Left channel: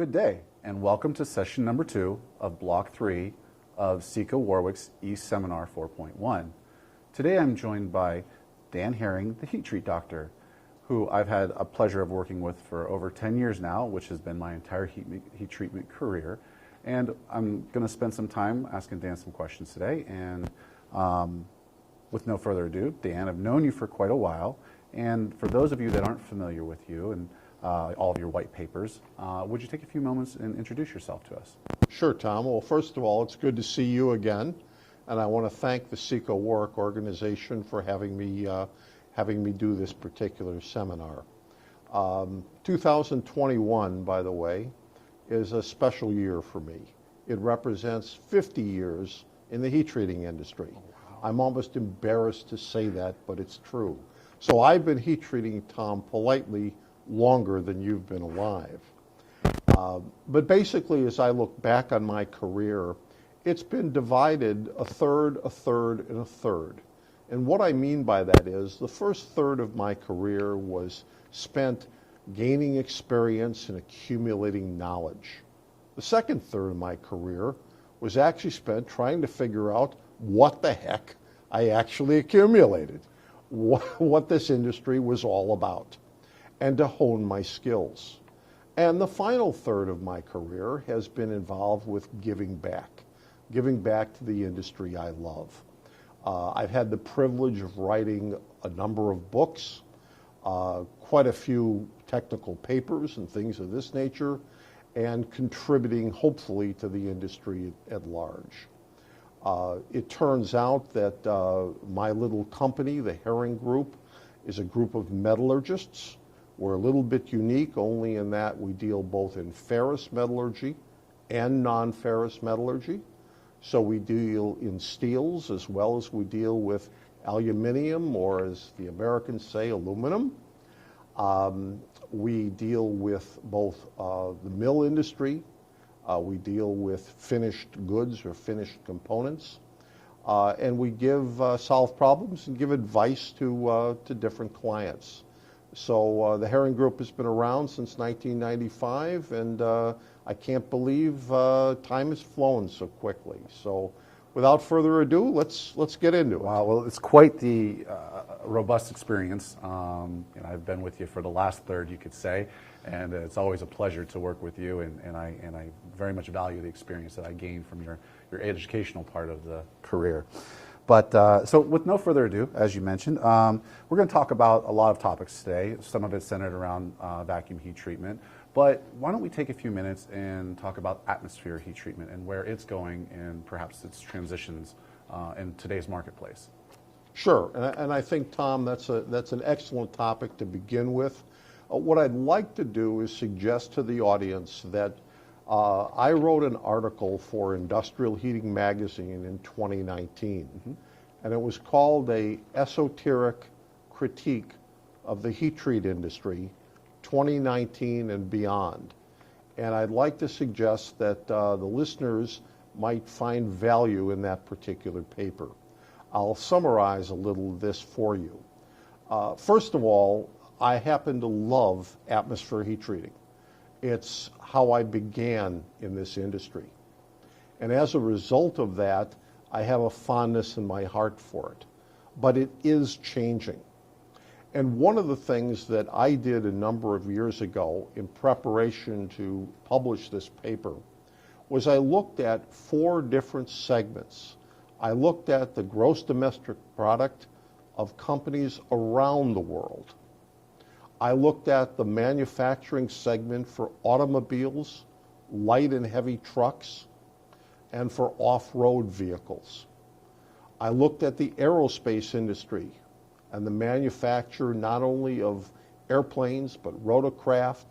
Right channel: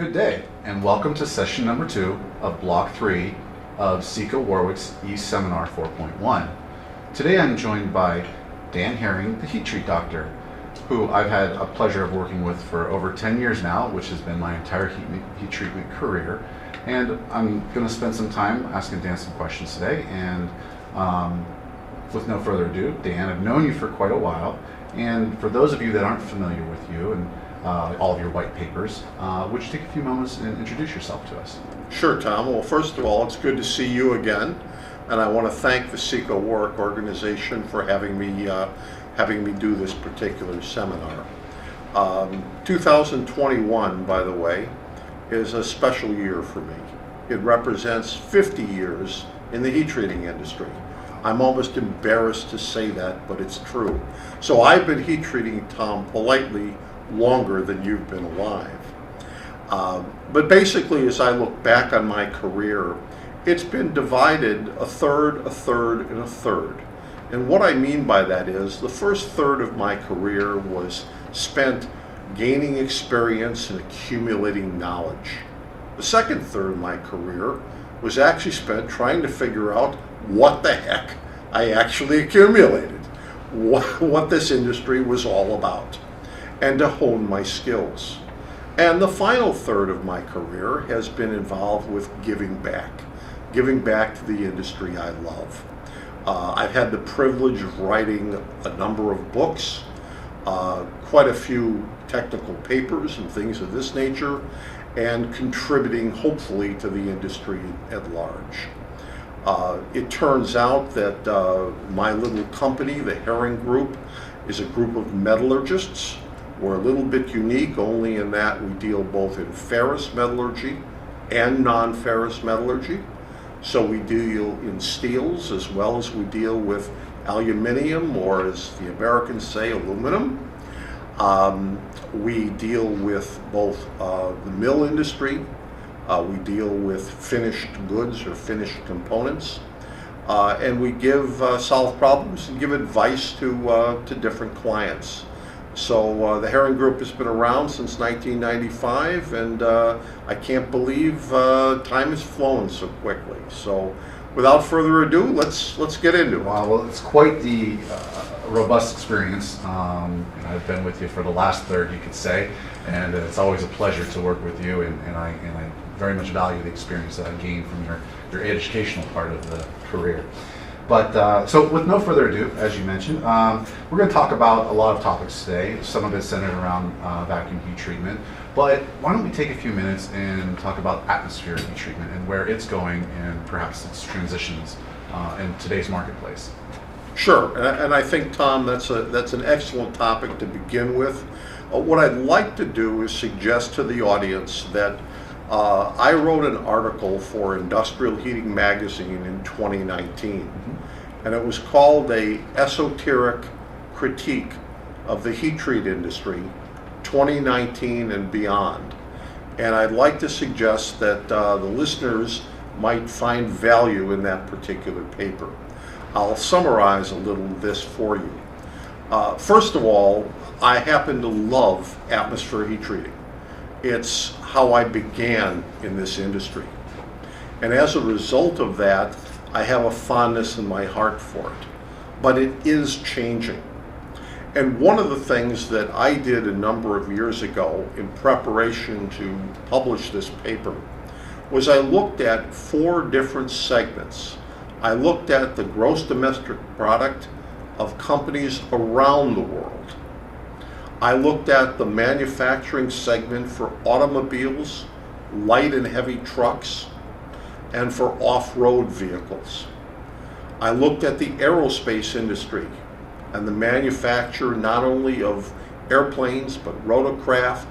Good day, and welcome to session number 2 of block 3 of Seco Warwick's eSeminar 4.1. Today I'm joined by Dan Herring, the heat treat doctor, who I've had a pleasure of working with for over 10 years now, which has been my entire heat treatment career. And I'm going to spend some time asking Dan some questions today. And with no further ado, Dan, I've known you for quite a while. And for those of you that aren't familiar with you and all of your white papers, would you take a few moments and introduce yourself to us? Sure, Tom. Well, first of all, it's good to see you again, and I want to thank the Seco Warwick organization for having me do this particular seminar. 2021, by the way, is a special year for me. It represents 50 years in the heat treating industry. I'm almost embarrassed to say that, but it's true. So I've been heat treating, Tom, politely longer than you've been alive. But basically, as I look back on my career, it's been divided a third, a third, and a third. And what I mean by that is the first third of my career was spent gaining experience and accumulating knowledge. The second third of my career was actually spent trying to figure out what the heck I actually accumulated, what this industry was all about, and to hone my skills. And the final third of my career has been involved with giving back to the industry I love. I've had the privilege of writing a number of books, quite a few technical papers and things of this nature, and contributing hopefully to the industry at large. It turns out that my little company, the Herring Group, is a group of metallurgists. We're a little bit unique only in that we deal both in ferrous metallurgy and non-ferrous metallurgy. So we deal in steels as well as we deal with aluminium, or as the Americans say, aluminum. We deal with both the mill industry. We deal with finished goods or finished components. And we solve problems and give advice to different clients. So the Herring Group has been around since 1995, and I can't believe time has flown so quickly. So without further ado, let's get into it. Wow, well, it's quite the robust experience. I've been with you for the last third, you could say, and it's always a pleasure to work with you, and I very much value the experience that I gained from your educational part of the career. But so with no further ado, as you mentioned, we're going to talk about a lot of topics today. Some of it centered around vacuum heat treatment. But why don't we take a few minutes and talk about atmospheric heat treatment and where it's going and perhaps its transitions in today's marketplace. Sure, and I think, Tom, that's an excellent topic to begin with. What I'd like to do is suggest to the audience that I wrote an article for Industrial Heating Magazine in 2019, and it was called "A Esoteric Critique of the Heat Treat Industry, 2019 and Beyond." And I'd like to suggest that the listeners might find value in that particular paper. I'll summarize a little of this for you. First of all, I happen to love atmosphere heat treating. It's how I began in this industry. And as a result of that, I have a fondness in my heart for it. But it is changing. And one of the things that I did a number of years ago in preparation to publish this paper was I looked at 4 different segments. I looked at the gross domestic product of companies around the world. I looked at the manufacturing segment for automobiles, light and heavy trucks, and for off-road vehicles. I looked at the aerospace industry and the manufacture not only of airplanes, but rotorcraft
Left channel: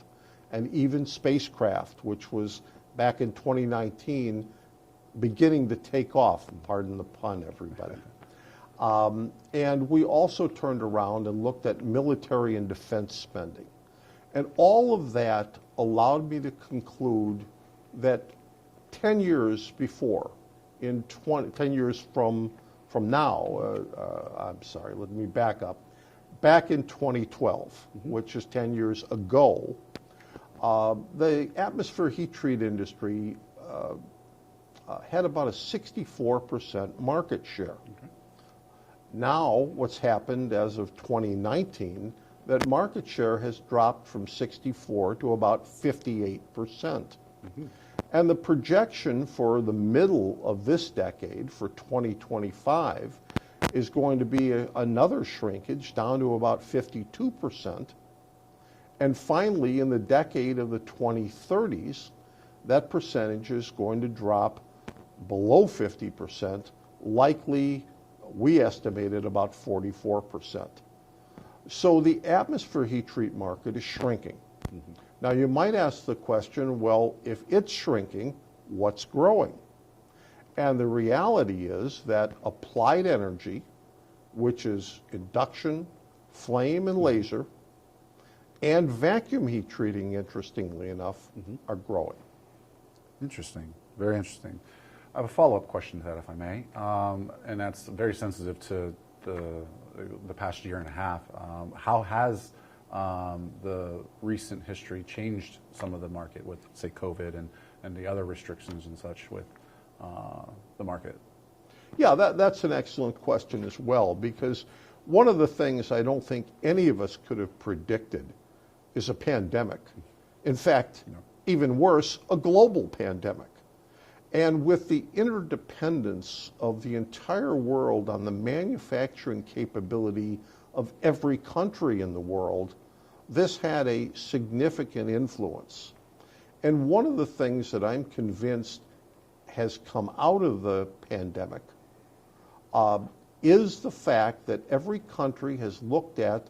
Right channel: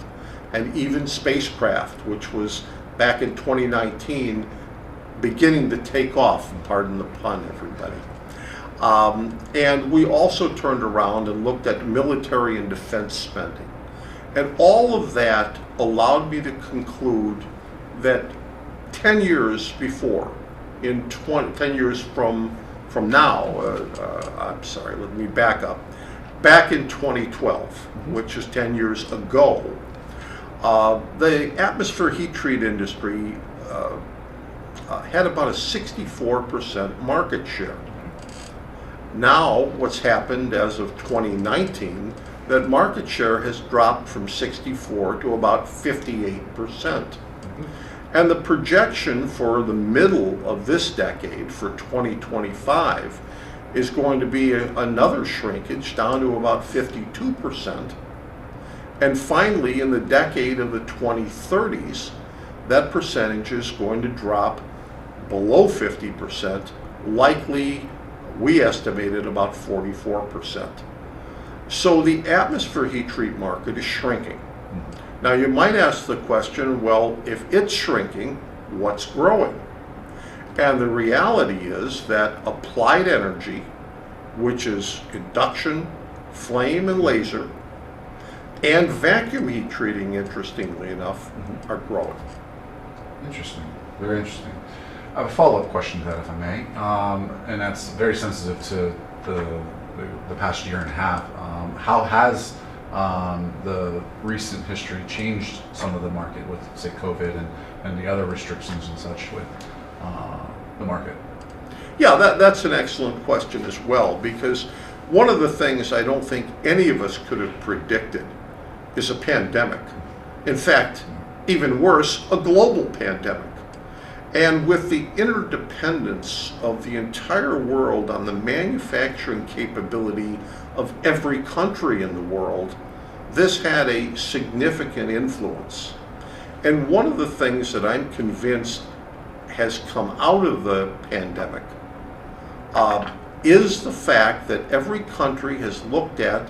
and even spacecraft, which was back in 2019 beginning to take off, and pardon the pun, everybody. And we also turned around and looked at military and defense spending. And all of that allowed me to conclude that 10 years before, 10 years from now, I'm sorry, let me back up. Back in 2012, which is 10 years ago, The atmosphere heat treat industry had about a 64% market share. Now, what's happened as of 2019, that market share has dropped from 64 to about 58%. And the projection for the middle of this decade, for 2025, is going to be another shrinkage down to about 52%. And finally, in the decade of the 2030s, that percentage is going to drop below 50%, likely, we estimated, about 44%. So the atmosphere heat treat market is shrinking. Now you might ask the question, well, if it's shrinking, what's growing? And the reality is that applied energy, which is induction, flame and laser, and vacuum heat treating, interestingly enough, are growing. Interesting, very interesting. I have a follow-up question to that, if I may, and that's very sensitive to the past year and a half. How has the recent history changed some of the market with, say, COVID and the other restrictions and such with the market? Yeah, that's an excellent question as well, because one of the things I don't think any of us could have predicted is a pandemic. In fact, even worse, a global pandemic. And with the interdependence of the entire world on the manufacturing capability of every country in the world, this had a significant influence. And one of the things that I'm convinced has come out of the pandemic is the fact that every country has looked at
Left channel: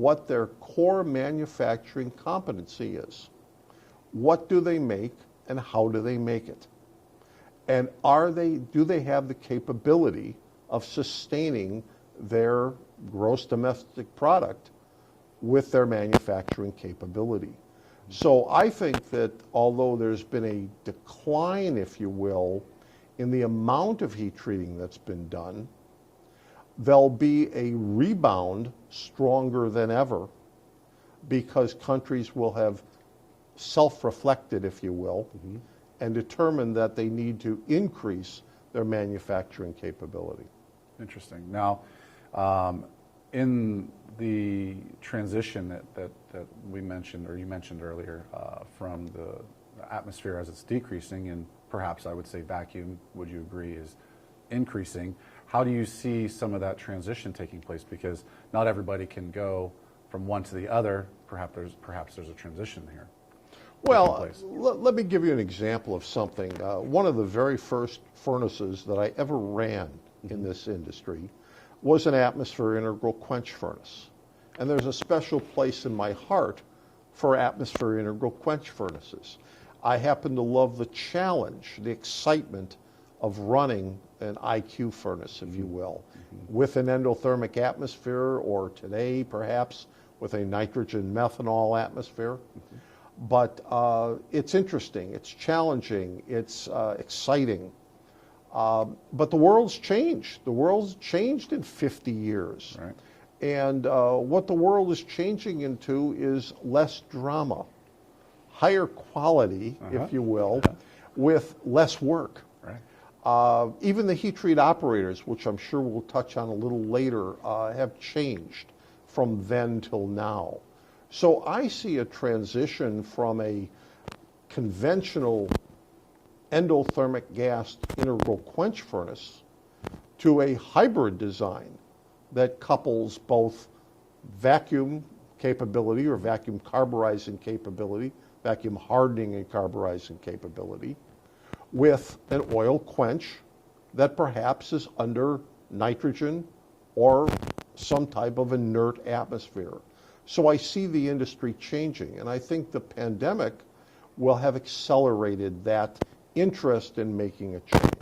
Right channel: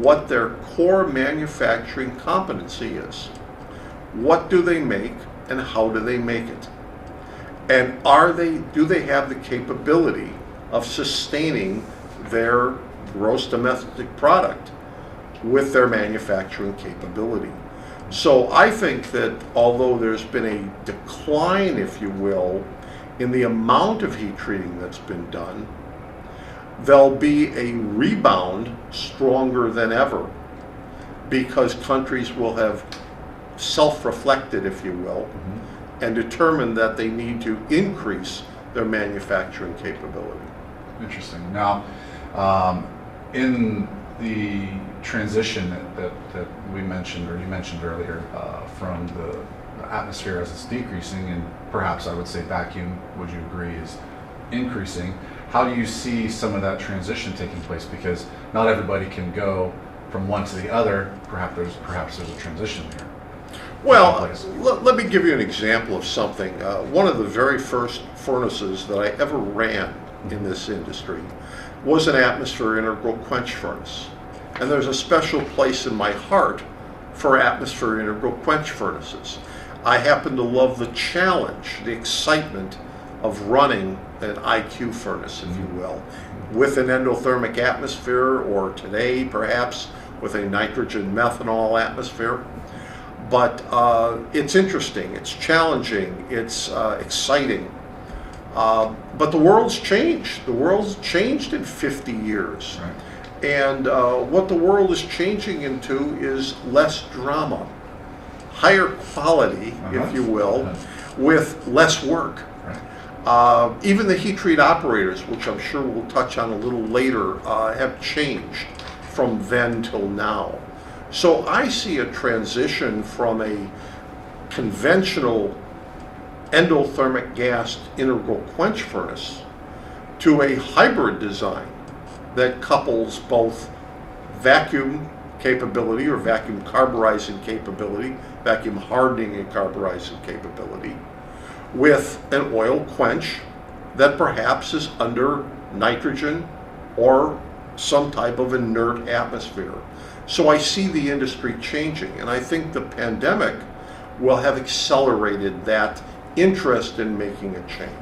what their core manufacturing competency is. What do they make and how do they make it? And do they have the capability of sustaining their gross domestic product with their manufacturing capability? So I think that although there's been a decline, if you will, in the amount of heat treating that's been done, there'll be a rebound stronger than ever, because countries will have self-reflected, if you will, and determined that they need to increase their manufacturing capability. Interesting. Now, in the transition that we mentioned, or you mentioned earlier, from the atmosphere as it's decreasing, and perhaps I would say vacuum, would you agree, is increasing, how do you see some of that transition taking place? Because not everybody can go from one to the other. Perhaps there's a transition here. Well, let me give you an example of something. One of the very first furnaces that I ever ran in this industry was an atmosphere integral quench furnace. And there's a special place in my heart for atmosphere integral quench furnaces. I happen to love the challenge, the excitement of running an IQ furnace, if you will, with an endothermic atmosphere, or today perhaps with a nitrogen methanol atmosphere. But it's interesting, it's challenging, it's exciting. But the world's changed. The world's changed in 50 years. Right. And what the world is changing into is less drama, higher quality, if you will, with less work. Right. Even the heat treat operators, which I'm sure we'll touch on a little later, have changed from then till now. So I see a transition from a conventional endothermic gas integral quench furnace to a hybrid design that couples both vacuum capability, or vacuum carburizing capability, vacuum hardening and carburizing capability, with an oil quench that perhaps is under nitrogen or some type of inert atmosphere. So I see the industry changing, and I think the pandemic will have accelerated that interest in making a change.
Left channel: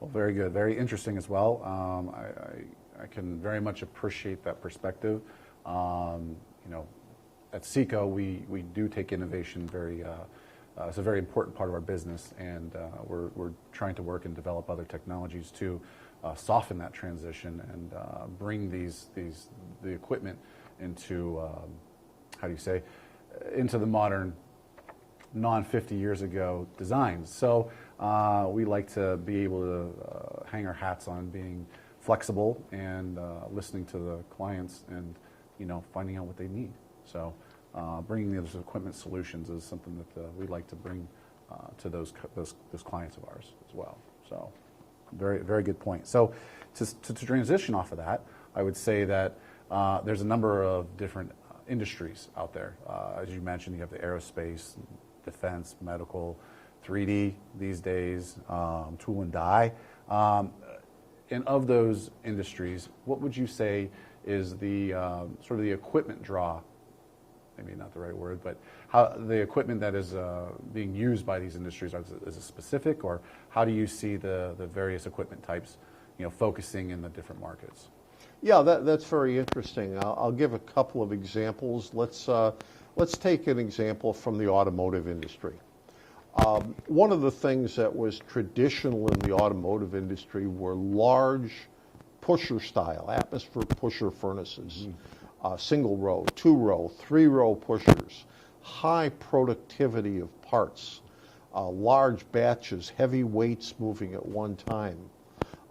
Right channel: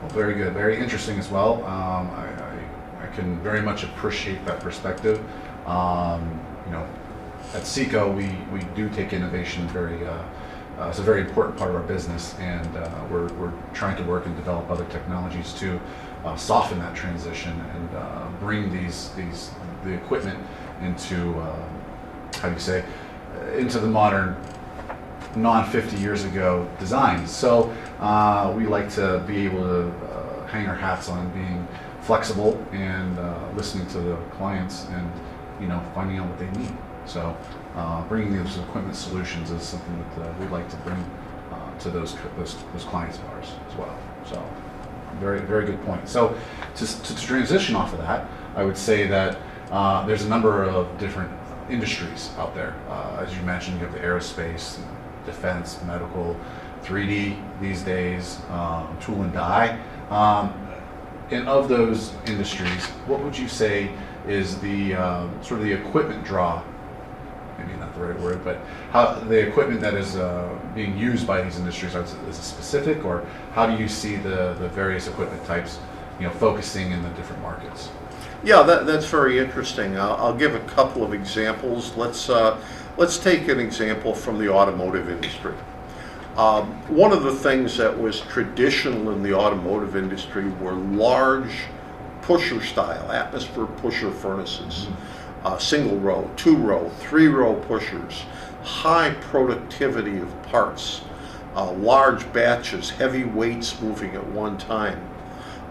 Well, very good, very interesting as well. I can very much appreciate that perspective. At SECO, we do take innovation very. It's a very important part of our business, and we're trying to work and develop other technologies to soften that transition and bring the equipment into, how do you say, into the modern non-50 years ago designs. So we like to be able to hang our hats on being flexible and listening to the clients and, finding out what they need. So bringing those equipment solutions is something that we'd like to bring to those clients of ours as well. So very, very good point. So to transition off of that, I would say that there's a number of different industries out there. As you mentioned, you have the aerospace, defense, medical, 3D these days, tool and die. And of those industries, what would you say is the sort of the equipment draw? Maybe not the right word, but how the equipment that is being used by these industries, is it specific, or how do you see the various equipment types, focusing in the different markets? Yeah, that's very interesting. I'll give a couple of examples. Let's take an example from the automotive industry. One of the things that was traditional in the automotive industry were large pusher style, atmosphere pusher furnaces, single row, 2-row, 3-row pushers, high productivity of parts, large batches, heavy weights moving at one time.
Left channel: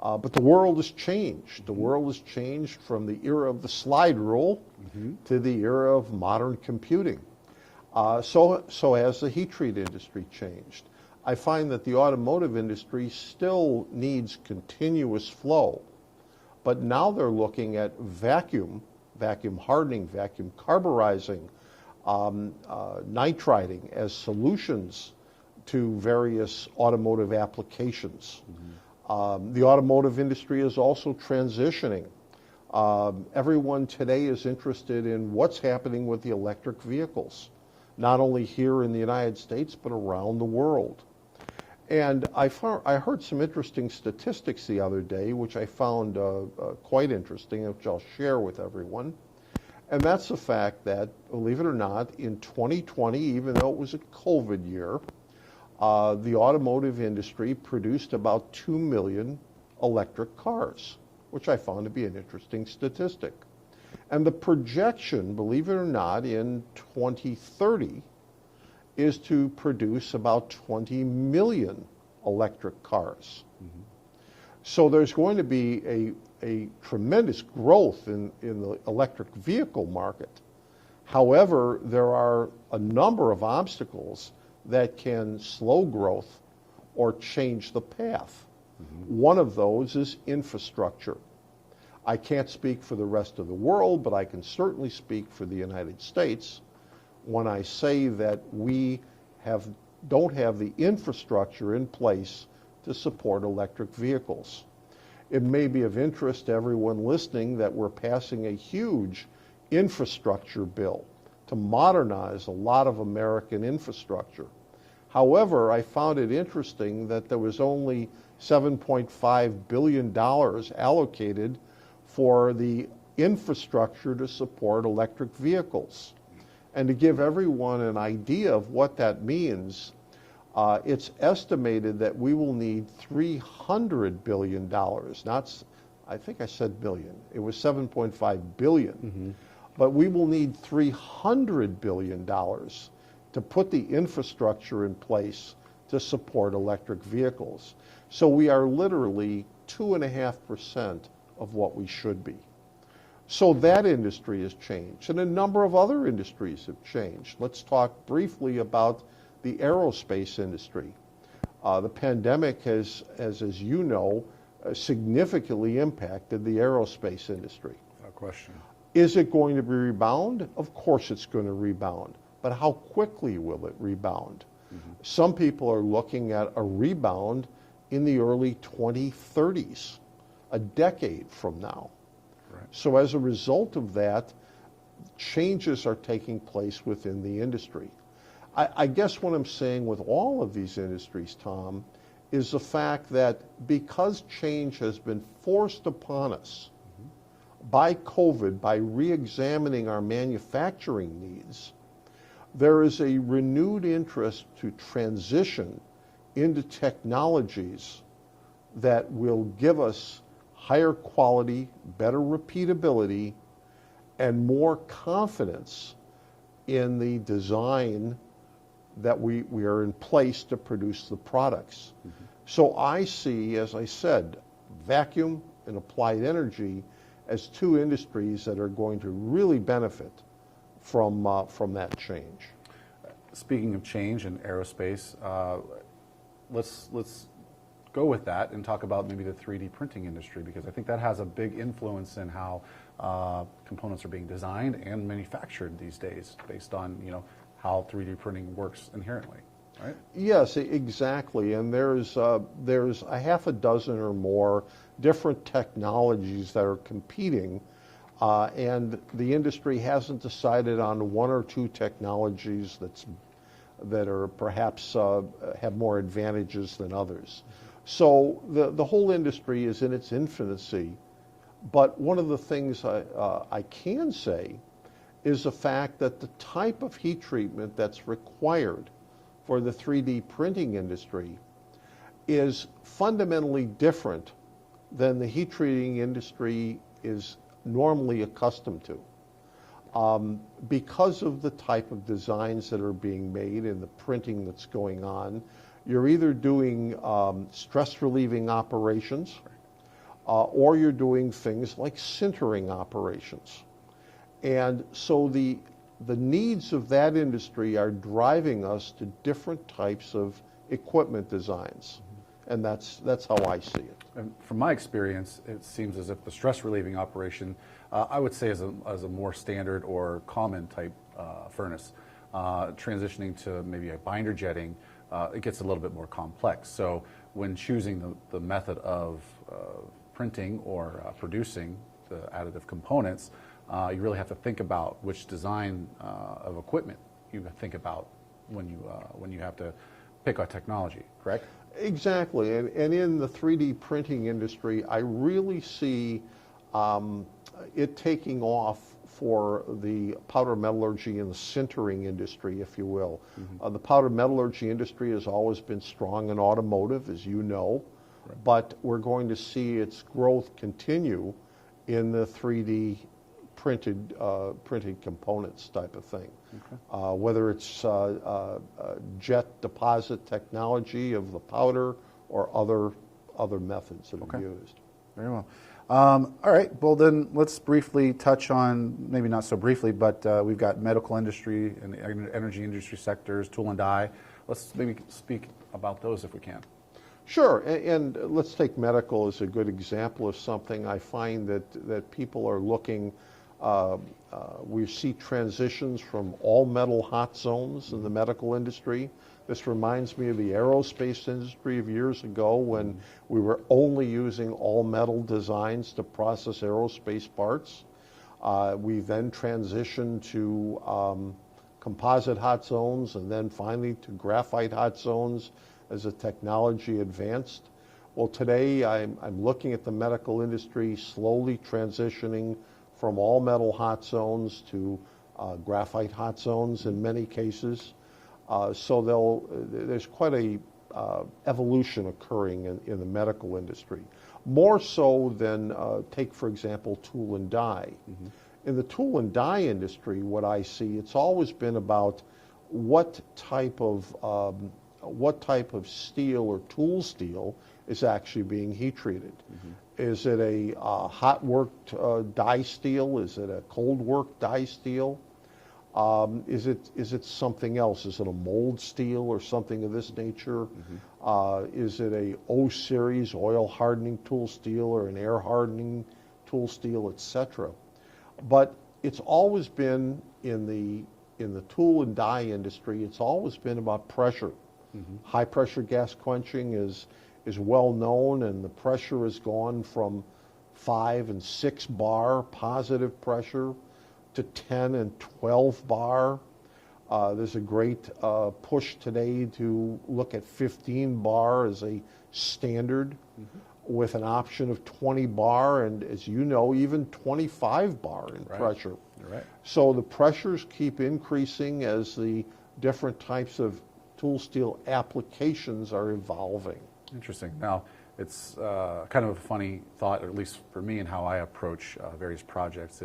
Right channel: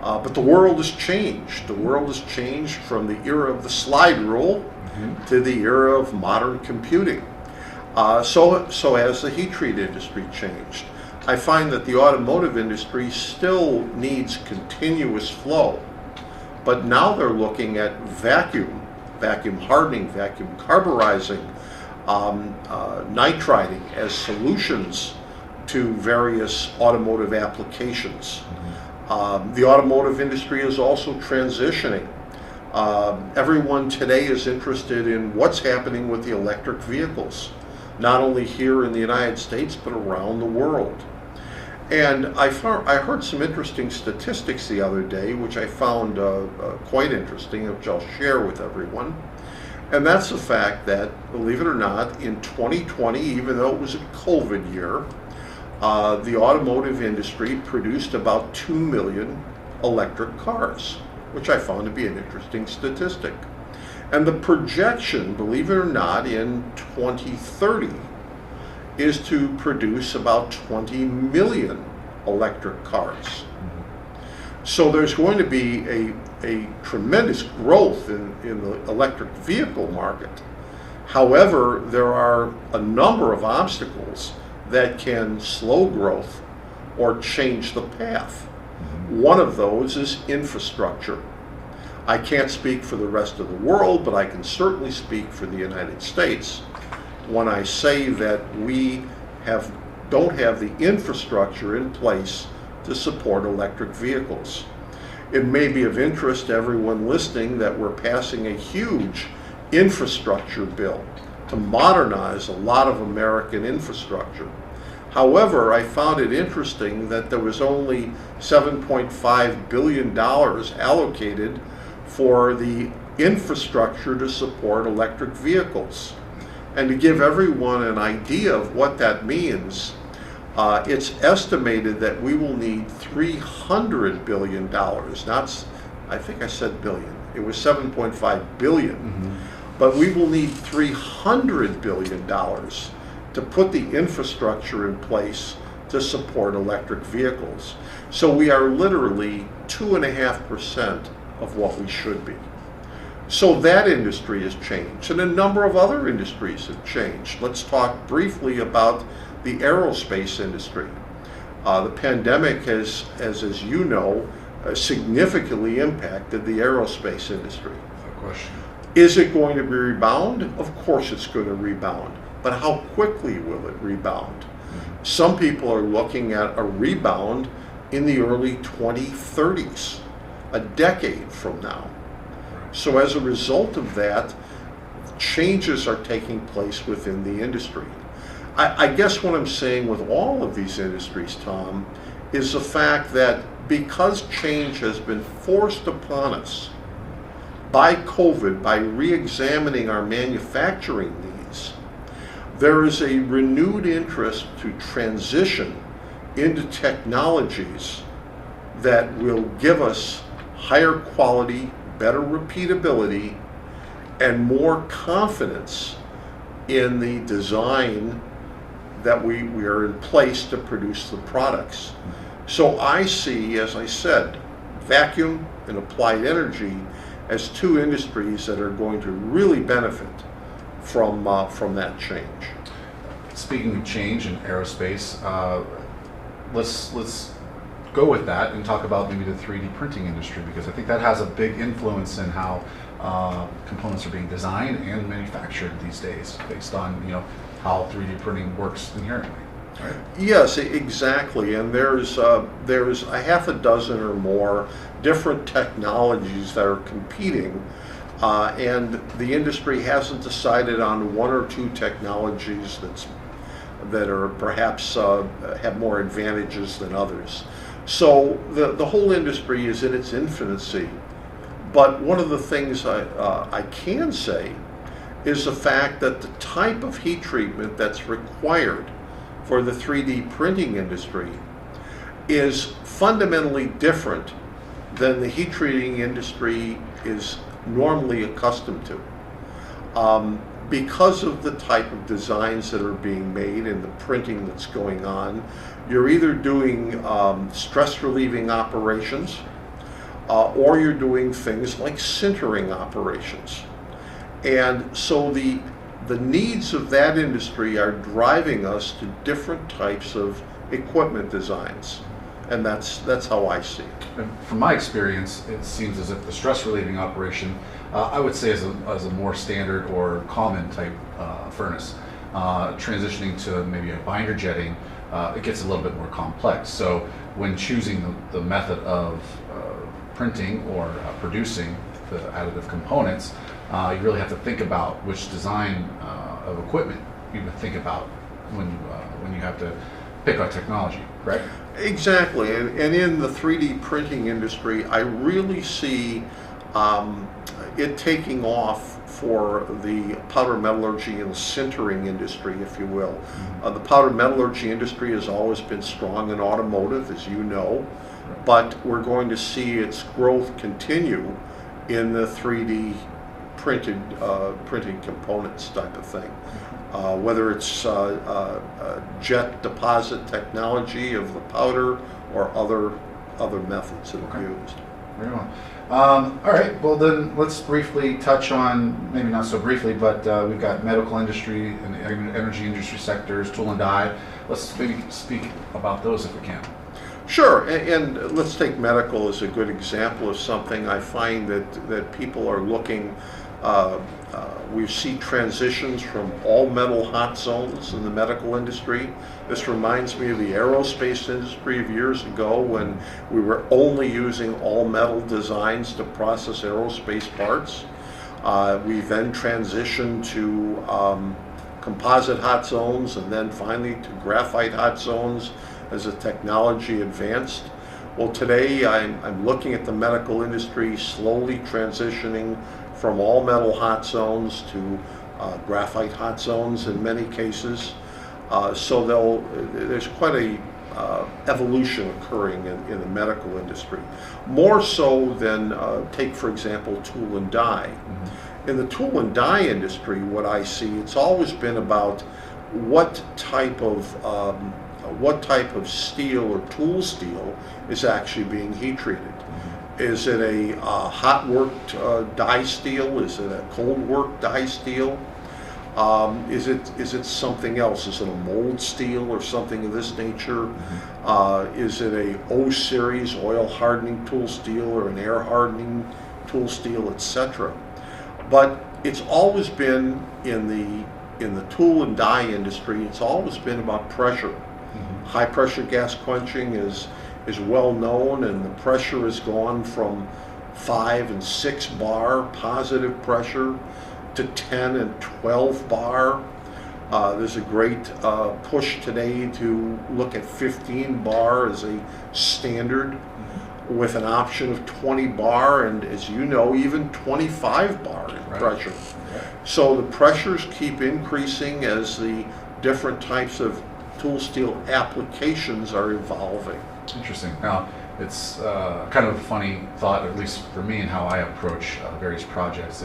But the world has changed. The world has changed from the era of the slide rule to the era of modern computing. So has the heat treat industry changed. I find that the automotive industry still needs continuous flow, but now they're looking at vacuum hardening, vacuum carburizing, nitriding as solutions to various automotive applications. The automotive industry is also transitioning. Everyone today is interested in what's happening with the electric vehicles, not only here in the United States, but around the world. And I heard some interesting statistics the other day, which I found quite interesting, which I'll share with everyone. And that's the fact that, believe it or not, in 2020, even though it was a COVID year, the automotive industry produced about 2 million electric cars, which I found to be an interesting statistic. And the projection, believe it or not, in 2030 is to produce about 20 million electric cars. So there's going to be a tremendous growth in the electric vehicle market. However, there are a number of obstacles that can slow growth or change the path. One of those is infrastructure. I can't speak for the rest of the world, but I can certainly speak for the United States when I say that we don't have the infrastructure in place to support electric vehicles. It may be of interest to everyone listening that we're passing a huge infrastructure bill to modernize a lot of American infrastructure. However, I found it interesting that there was only $7.5 billion allocated for the infrastructure to support electric vehicles. And to give everyone an idea of what that means, it's estimated that we will need $300 billion. I think I said billion. It was 7.5 billion. But we will need $300 billion to put the infrastructure in place to support electric vehicles. So we are literally 2.5% of what we should be. So that industry has changed, and a number of other industries have changed. Let's talk briefly about the aerospace industry. The pandemic has, as you know, significantly impacted the aerospace industry. No question. Is it going to rebound? Of course it's going to rebound, but how quickly will it rebound? Some people are looking at a rebound in the early 2030s, a decade from now. So as a result of that, changes are taking place within the industry. I guess what I'm saying with all of these industries, Tom, is the fact that because change has been forced upon us by COVID, by re-examining our manufacturing needs, there is a renewed interest to transition into technologies that will give us higher quality, better repeatability, and more confidence in the design that we are in place to produce the products. So I see, as I said, vacuum and applied energy as two industries that are going to really benefit from that change. Speaking of change in aerospace, let's go with that and talk about maybe the 3D printing industry, because I think that has a big influence in how components are being designed and manufactured these days, based on how 3D printing works inherently. Right? Yes, exactly. And there's a half a dozen or more different technologies that are competing, and the industry hasn't decided on one or two technologies that are perhaps have more advantages than others. So the whole industry is in its infancy. But one of the things I can say is the fact that the type of heat treatment that's required for the 3D printing industry is fundamentally different than the heat treating industry is normally accustomed to. Because of the type of designs that are being made and the printing that's going on, you're either doing stress relieving operations or you're doing things like sintering operations. And so the needs of that industry are driving us to different types of equipment designs. And that's how I see it. And from my experience, it seems as if the stress relieving operation, I would say as a more standard or common type furnace, transitioning to maybe a binder jetting, it gets a little bit more complex. So when choosing the method of printing or producing the additive components, you really have to think about which design of equipment you would think about when you have to pick a technology, correct? Exactly, and in the 3D printing industry, I really see it taking off for the powder metallurgy and sintering industry, if you will. Mm-hmm. The powder metallurgy industry has always been strong in automotive, as you know, but we're going to see its growth continue in the 3D printed components type of thing. Whether it's jet deposit technology of the powder or other methods that are used. Very well. All right, well then let's briefly touch on, maybe not so briefly, but we've got medical industry and energy industry sectors, tool and die. Let's maybe speak about those if we can. Sure, and let's take medical as a good example of something. I find that people are looking, we see transitions from all metal hot zones in the medical industry. This reminds me of the aerospace industry of years ago when we were only using all metal designs to process aerospace parts. We then transitioned to composite hot zones and then finally to graphite hot zones as the technology advanced. Well, today I'm looking at the medical industry slowly transitioning from all metal hot zones to graphite hot zones in many cases. So there's quite a evolution occurring in the medical industry. More so than, take for example, tool and die. Mm-hmm. In the tool and die industry, what I see, it's always been about what type of steel or tool steel is actually being heat treated. Mm-hmm. Is it a hot worked die steel? Is it a cold worked die steel? Is it something else? Is it a mold steel or something of this nature? Mm-hmm. Is it a O series oil hardening tool steel or an air hardening tool steel, etc.? But it's always been in the tool and die industry. It's always been about pressure. Mm-hmm. High pressure gas quenching is well known, and the pressure has gone from 5 and 6 bar positive pressure to 10 and 12 bar. There's a great push today to look at 15 bar as a standard, mm-hmm. with an option of 20 bar and, as you know, even 25 bar in pressure. Right. So the pressures keep increasing as the different types of tool steel applications are evolving. Interesting. Now, it's kind of a funny thought, at least for me, and how I approach various projects.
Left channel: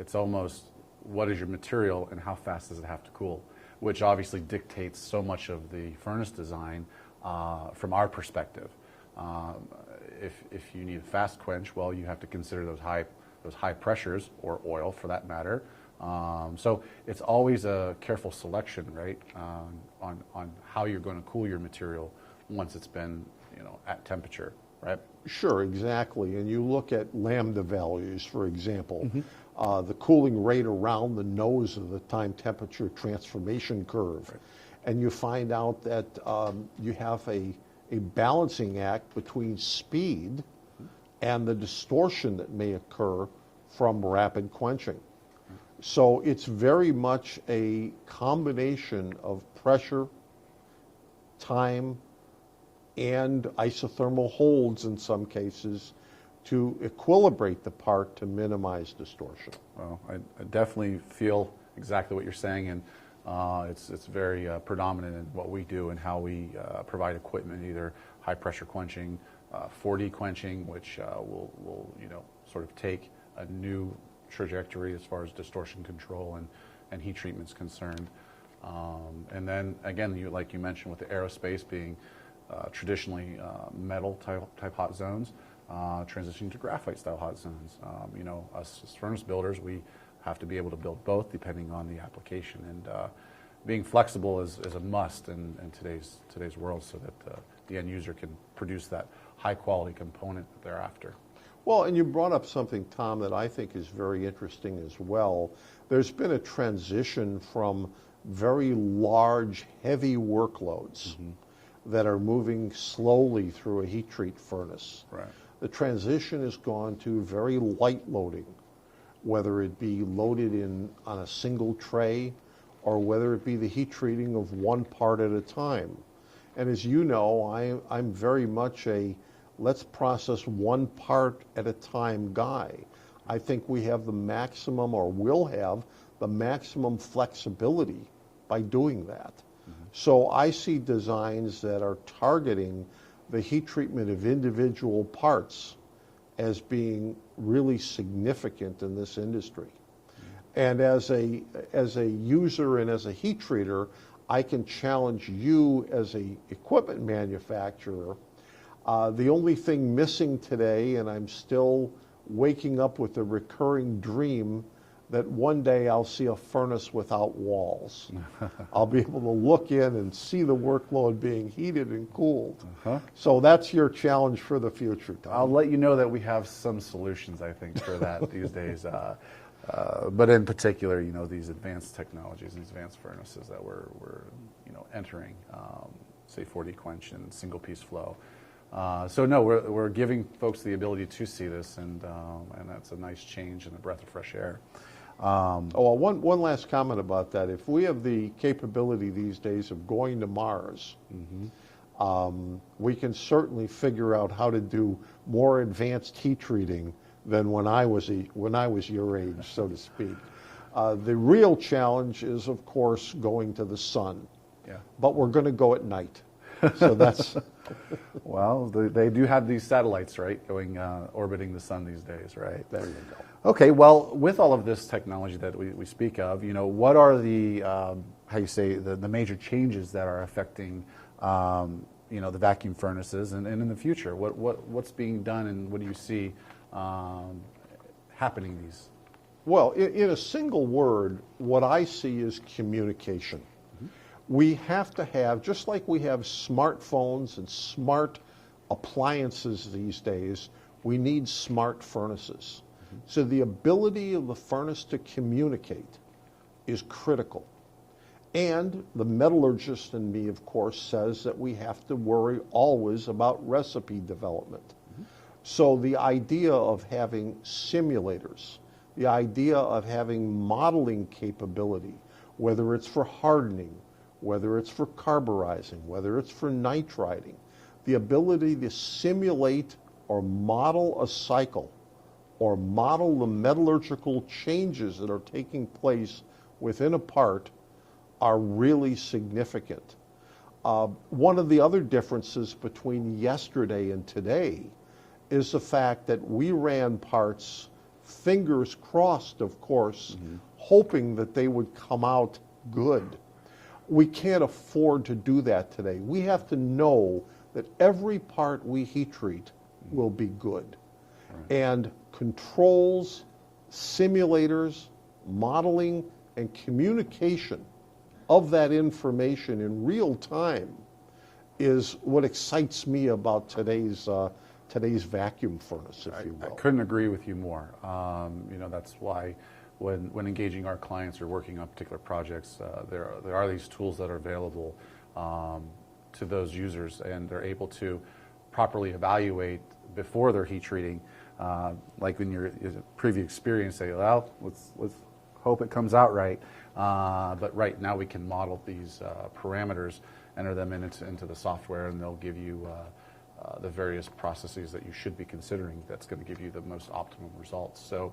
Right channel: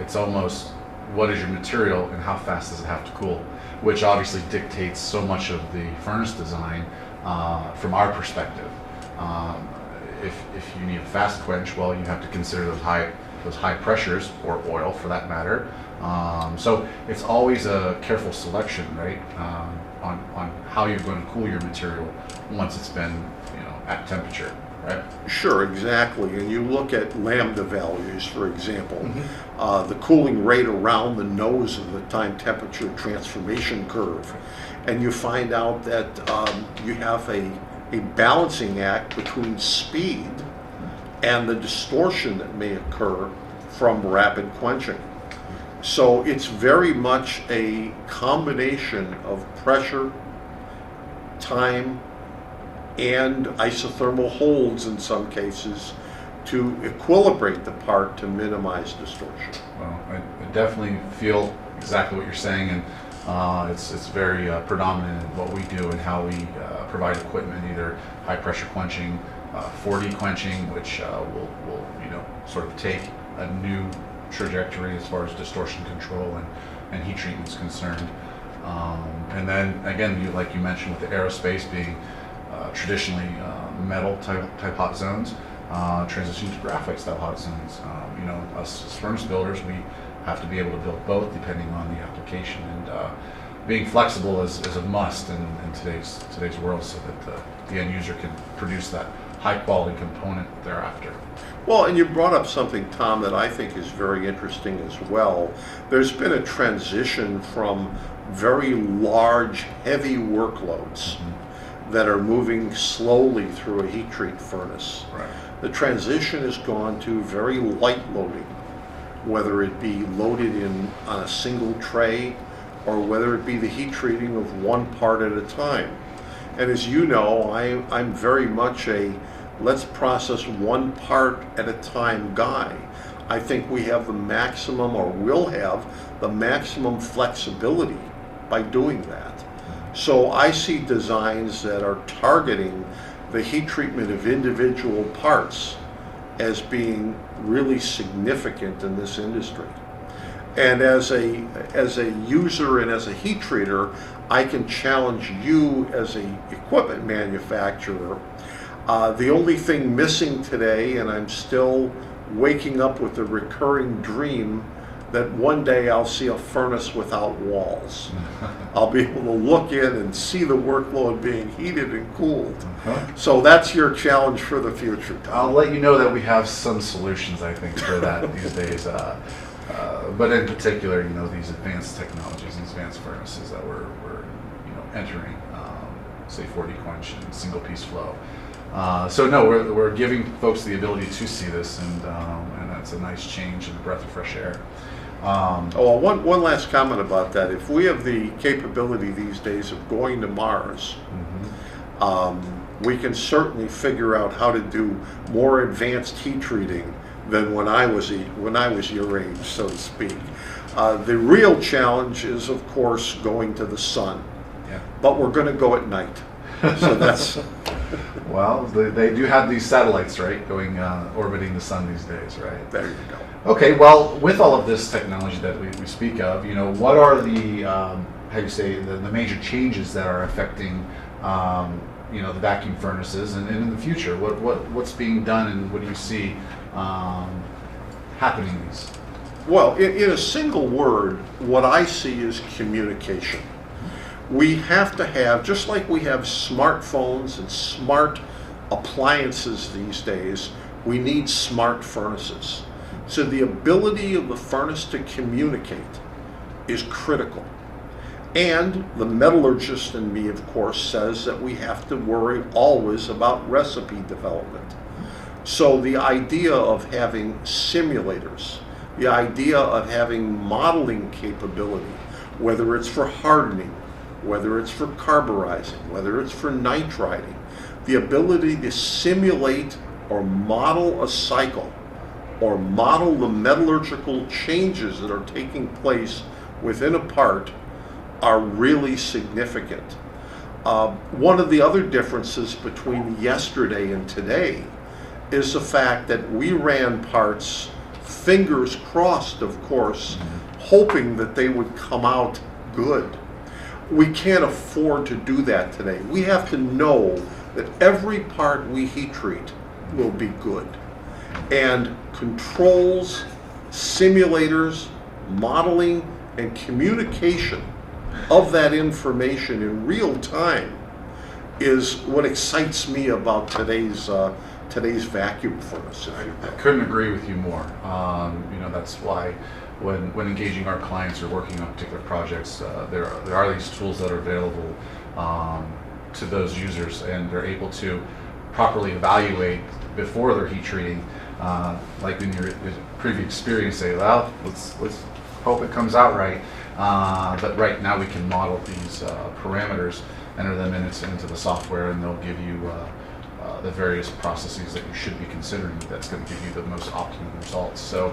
It's almost, what is your material and how fast does it have to cool? which obviously dictates so much of the furnace design from our perspective. If you need a fast quench, well, you have to consider those high pressures, or oil for that matter. So it's always a careful selection, right, on how you're going to cool your material once it's been, at temperature, right? Sure, exactly. And you look at lambda values, for example, Mm-hmm. the cooling rate around the nose of the time temperature transformation curve, and you find out that you have a balancing act between speed and the distortion that may occur from rapid quenching. So it's very much a combination of pressure, time, and isothermal holds in some cases to equilibrate the part to minimize distortion. Well, I definitely feel exactly what you're saying, and it's very predominant in what we do and how we provide equipment, either high pressure quenching, 4D quenching, which will sort of take a new trajectory as far as distortion control and heat treatment is concerned. And then again, like you mentioned, with the aerospace being traditionally metal type hot zones, transition to graphite style hot zones. Us as furnace builders, we have to be able to build both depending on the application, and being flexible is a must in today's world, so that the end user can produce that high quality component thereafter. Well, and you brought up something, Tom, that I think is very interesting as well. There's been a transition from very large, heavy workloads that are moving slowly through a heat treat furnace. Right. The transition has gone to very light loading, whether it be loaded on a single tray or whether it be the heat treating of one part at a time. And as you know, I'm very much a let's process one part at a time guy. I think we have the maximum, or will have the maximum flexibility by doing that. So I see designs that are targeting the heat treatment of individual parts as being really significant in this industry. And as a user and as a heat treater, I can challenge you as a equipment manufacturer. The only thing missing today, and I'm still waking up with a recurring dream, that one day I'll see a furnace without walls. I'll be able to look in and see the workload being heated and cooled. So that's your challenge for the future, Tom. I'll let you know that we have some solutions, I think, for that these days. But in particular, these advanced technologies, these advanced furnaces that we're entering, say 4D quench and single piece flow. So no, we're giving folks the ability to see this, and that's a nice change and a breath of fresh air. One last comment about that. If we have the capability these days of going to Mars, we can certainly figure out how to do more advanced heat treating than when I was your age, so to speak. The real challenge is, of course, going to the sun. Yeah. But we're going to go at night. So that's well, they do have these satellites, right, going orbiting the sun these days, right? There you go. Okay, well, with all of this technology that we speak of, what are the the major changes that are affecting the vacuum furnaces, and in the future, what's being done, and what do you see happening in these? Well, in a single word, what I see is communication. We have to have, just like we have smartphones and smart appliances these days, we need smart furnaces. So the ability of the furnace to communicate is critical. And the metallurgist in me, of course, says that we have to worry always about recipe development. So the idea of having simulators, the idea of having modeling capability, whether it's for hardening, whether it's for carburizing, whether it's for nitriding, the ability to simulate or model a cycle or model the metallurgical changes that are taking place within a part are really significant. One of the other differences between yesterday and today is the fact that we ran parts, fingers crossed, of course, hoping that they would come out good. We can't afford to do that today. We have to know that every part we heat treat will be good. And controls, simulators, modeling, and communication of that information in real time is what excites me about today's vacuum furnace. I couldn't agree with you more. That's why when engaging our clients or working on particular projects, there are these tools that are available to those users, and they're able to properly evaluate before they're heat treating. Like in your previous experience, say, well, let's hope it comes out right. But right now we can model these parameters, enter them into the software, and they'll give you the various processes that you should be considering that's going to give you the most optimum results. So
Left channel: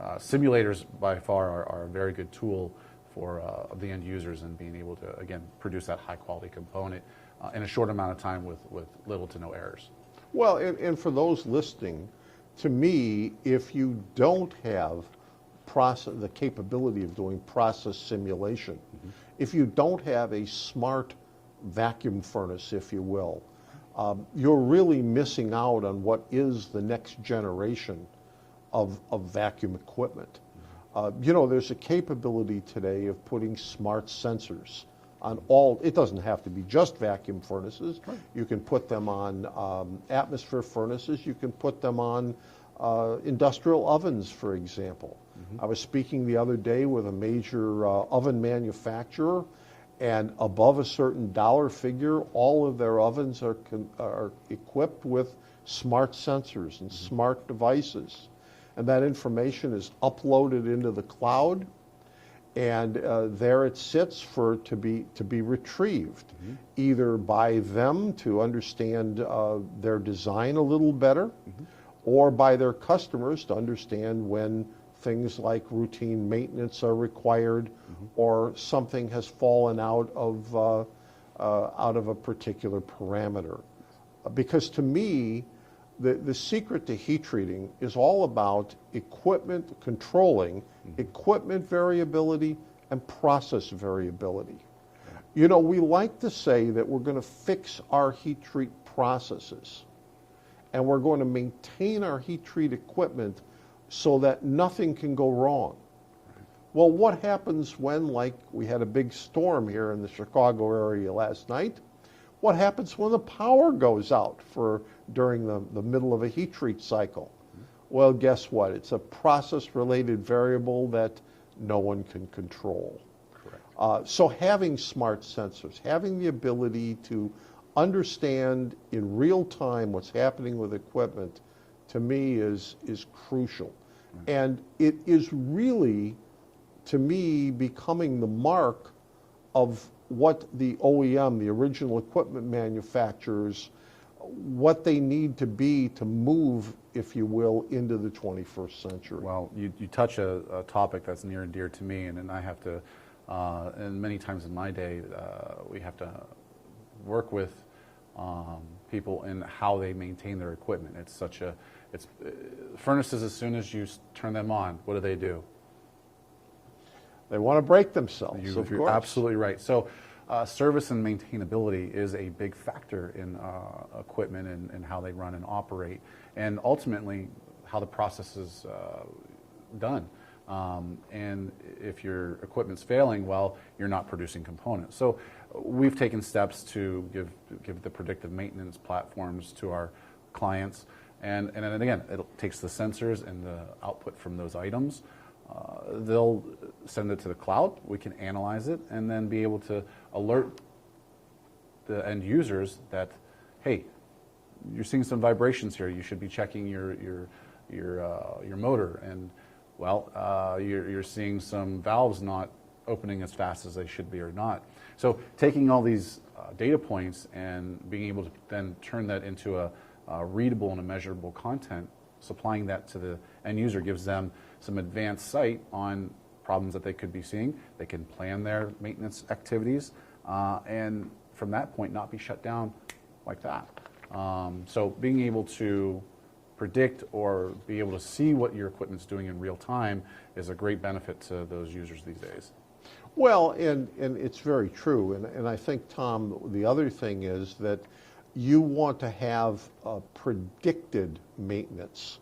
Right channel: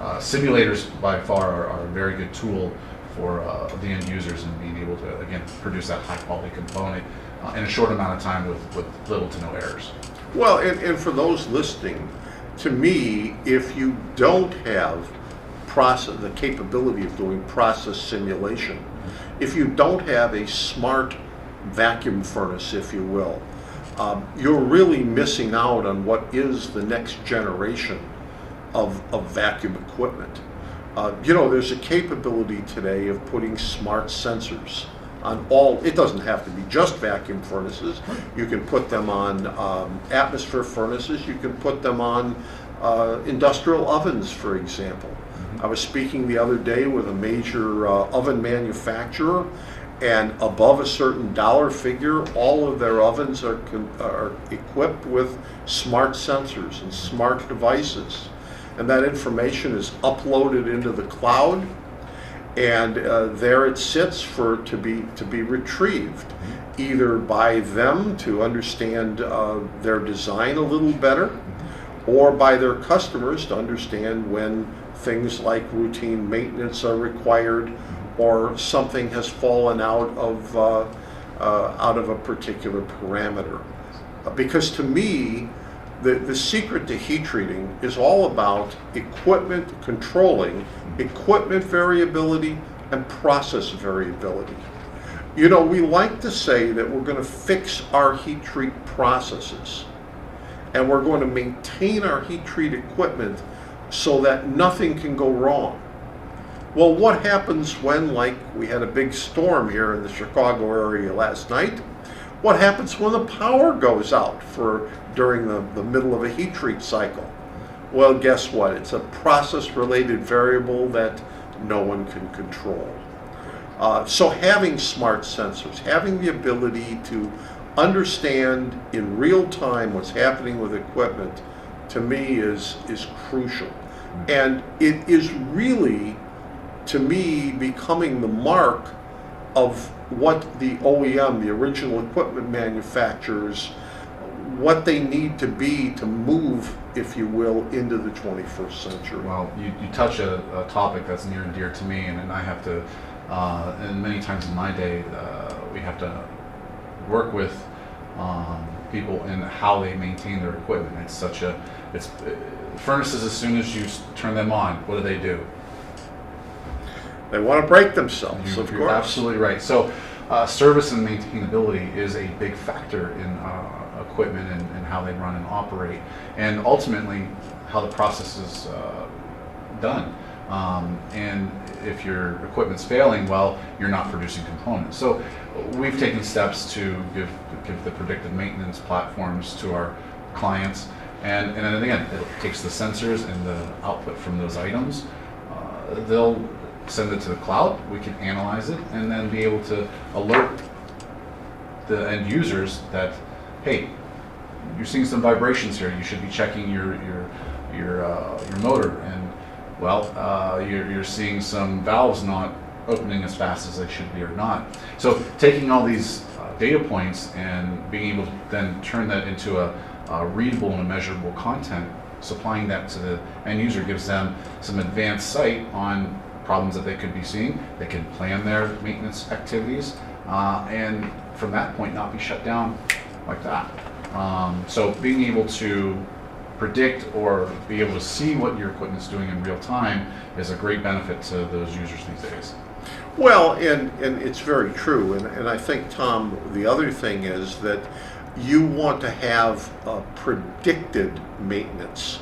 simulators by far are a very good tool for the end users and being able to, again, produce that high quality component in a short amount of time with little to no errors. Well, and for those listening, to me, if you don't have the capability of doing process simulation, if you don't have a smart vacuum furnace, if you will, you're really missing out on what is the next generation of vacuum equipment. There's a capability today of putting smart sensors on all. It doesn't have to be just vacuum furnaces. You can put them on atmosphere furnaces. You can put them on industrial ovens, for example. I was speaking the other day with a major oven manufacturer, and above a certain dollar figure, all of their ovens are equipped with smart sensors and smart devices. And that information is uploaded into the cloud, and there it sits to be retrieved, either by them to understand their design a little better, or by their customers to understand when things like routine maintenance are required, or something has fallen out of a particular parameter. Because to me, the secret to heat treating is all about equipment controlling, equipment variability, and process variability. We like to say that we're going to fix our heat treat processes, and we're going to maintain our heat treat equipment so that nothing can go wrong. Well, what happens when, like, we had a big storm here in the Chicago area last night? What happens when the power goes out during the middle of a heat treat cycle? Well, guess what? It's a process-related variable that no one can control. So having smart sensors, having the ability to understand in real time what's happening with equipment, to me is crucial. And it is really, to me, becoming the mark of what the OEM, the original equipment manufacturers, what they need to be to move, if you will, into the 21st century. Well, you touch a topic that's near and dear to me, and I have to, and many times in my day, we have to work with people in how they maintain their equipment. Furnaces, as soon as you turn them on, what do? They want to break themselves, of You're course. absolutely right. So service and maintainability is a big factor in equipment and how they run and operate, and ultimately how the process is done. And if your equipment's failing, well, you're not producing components. So we've taken steps to give the predictive maintenance platforms to our clients. And then again, it takes the sensors and the output from those items. They'll send it to the cloud. We can analyze it and then be able to alert the end users that, hey, you're seeing some vibrations here. You should be checking your motor, and well, you're seeing some valves not opening as fast as they should be or not. So taking all these data points and being able to then turn that into a readable and a measurable content, supplying that to the end user gives them some advanced sight on problems that they could be seeing. They can plan their maintenance activities, and from that point not be shut down like that. So being able to predict or be able to see what your equipment's doing in real time is a great benefit to those users these days. Well, and it's very true. And I think, Tom, the other thing is that you want to have predicted maintenance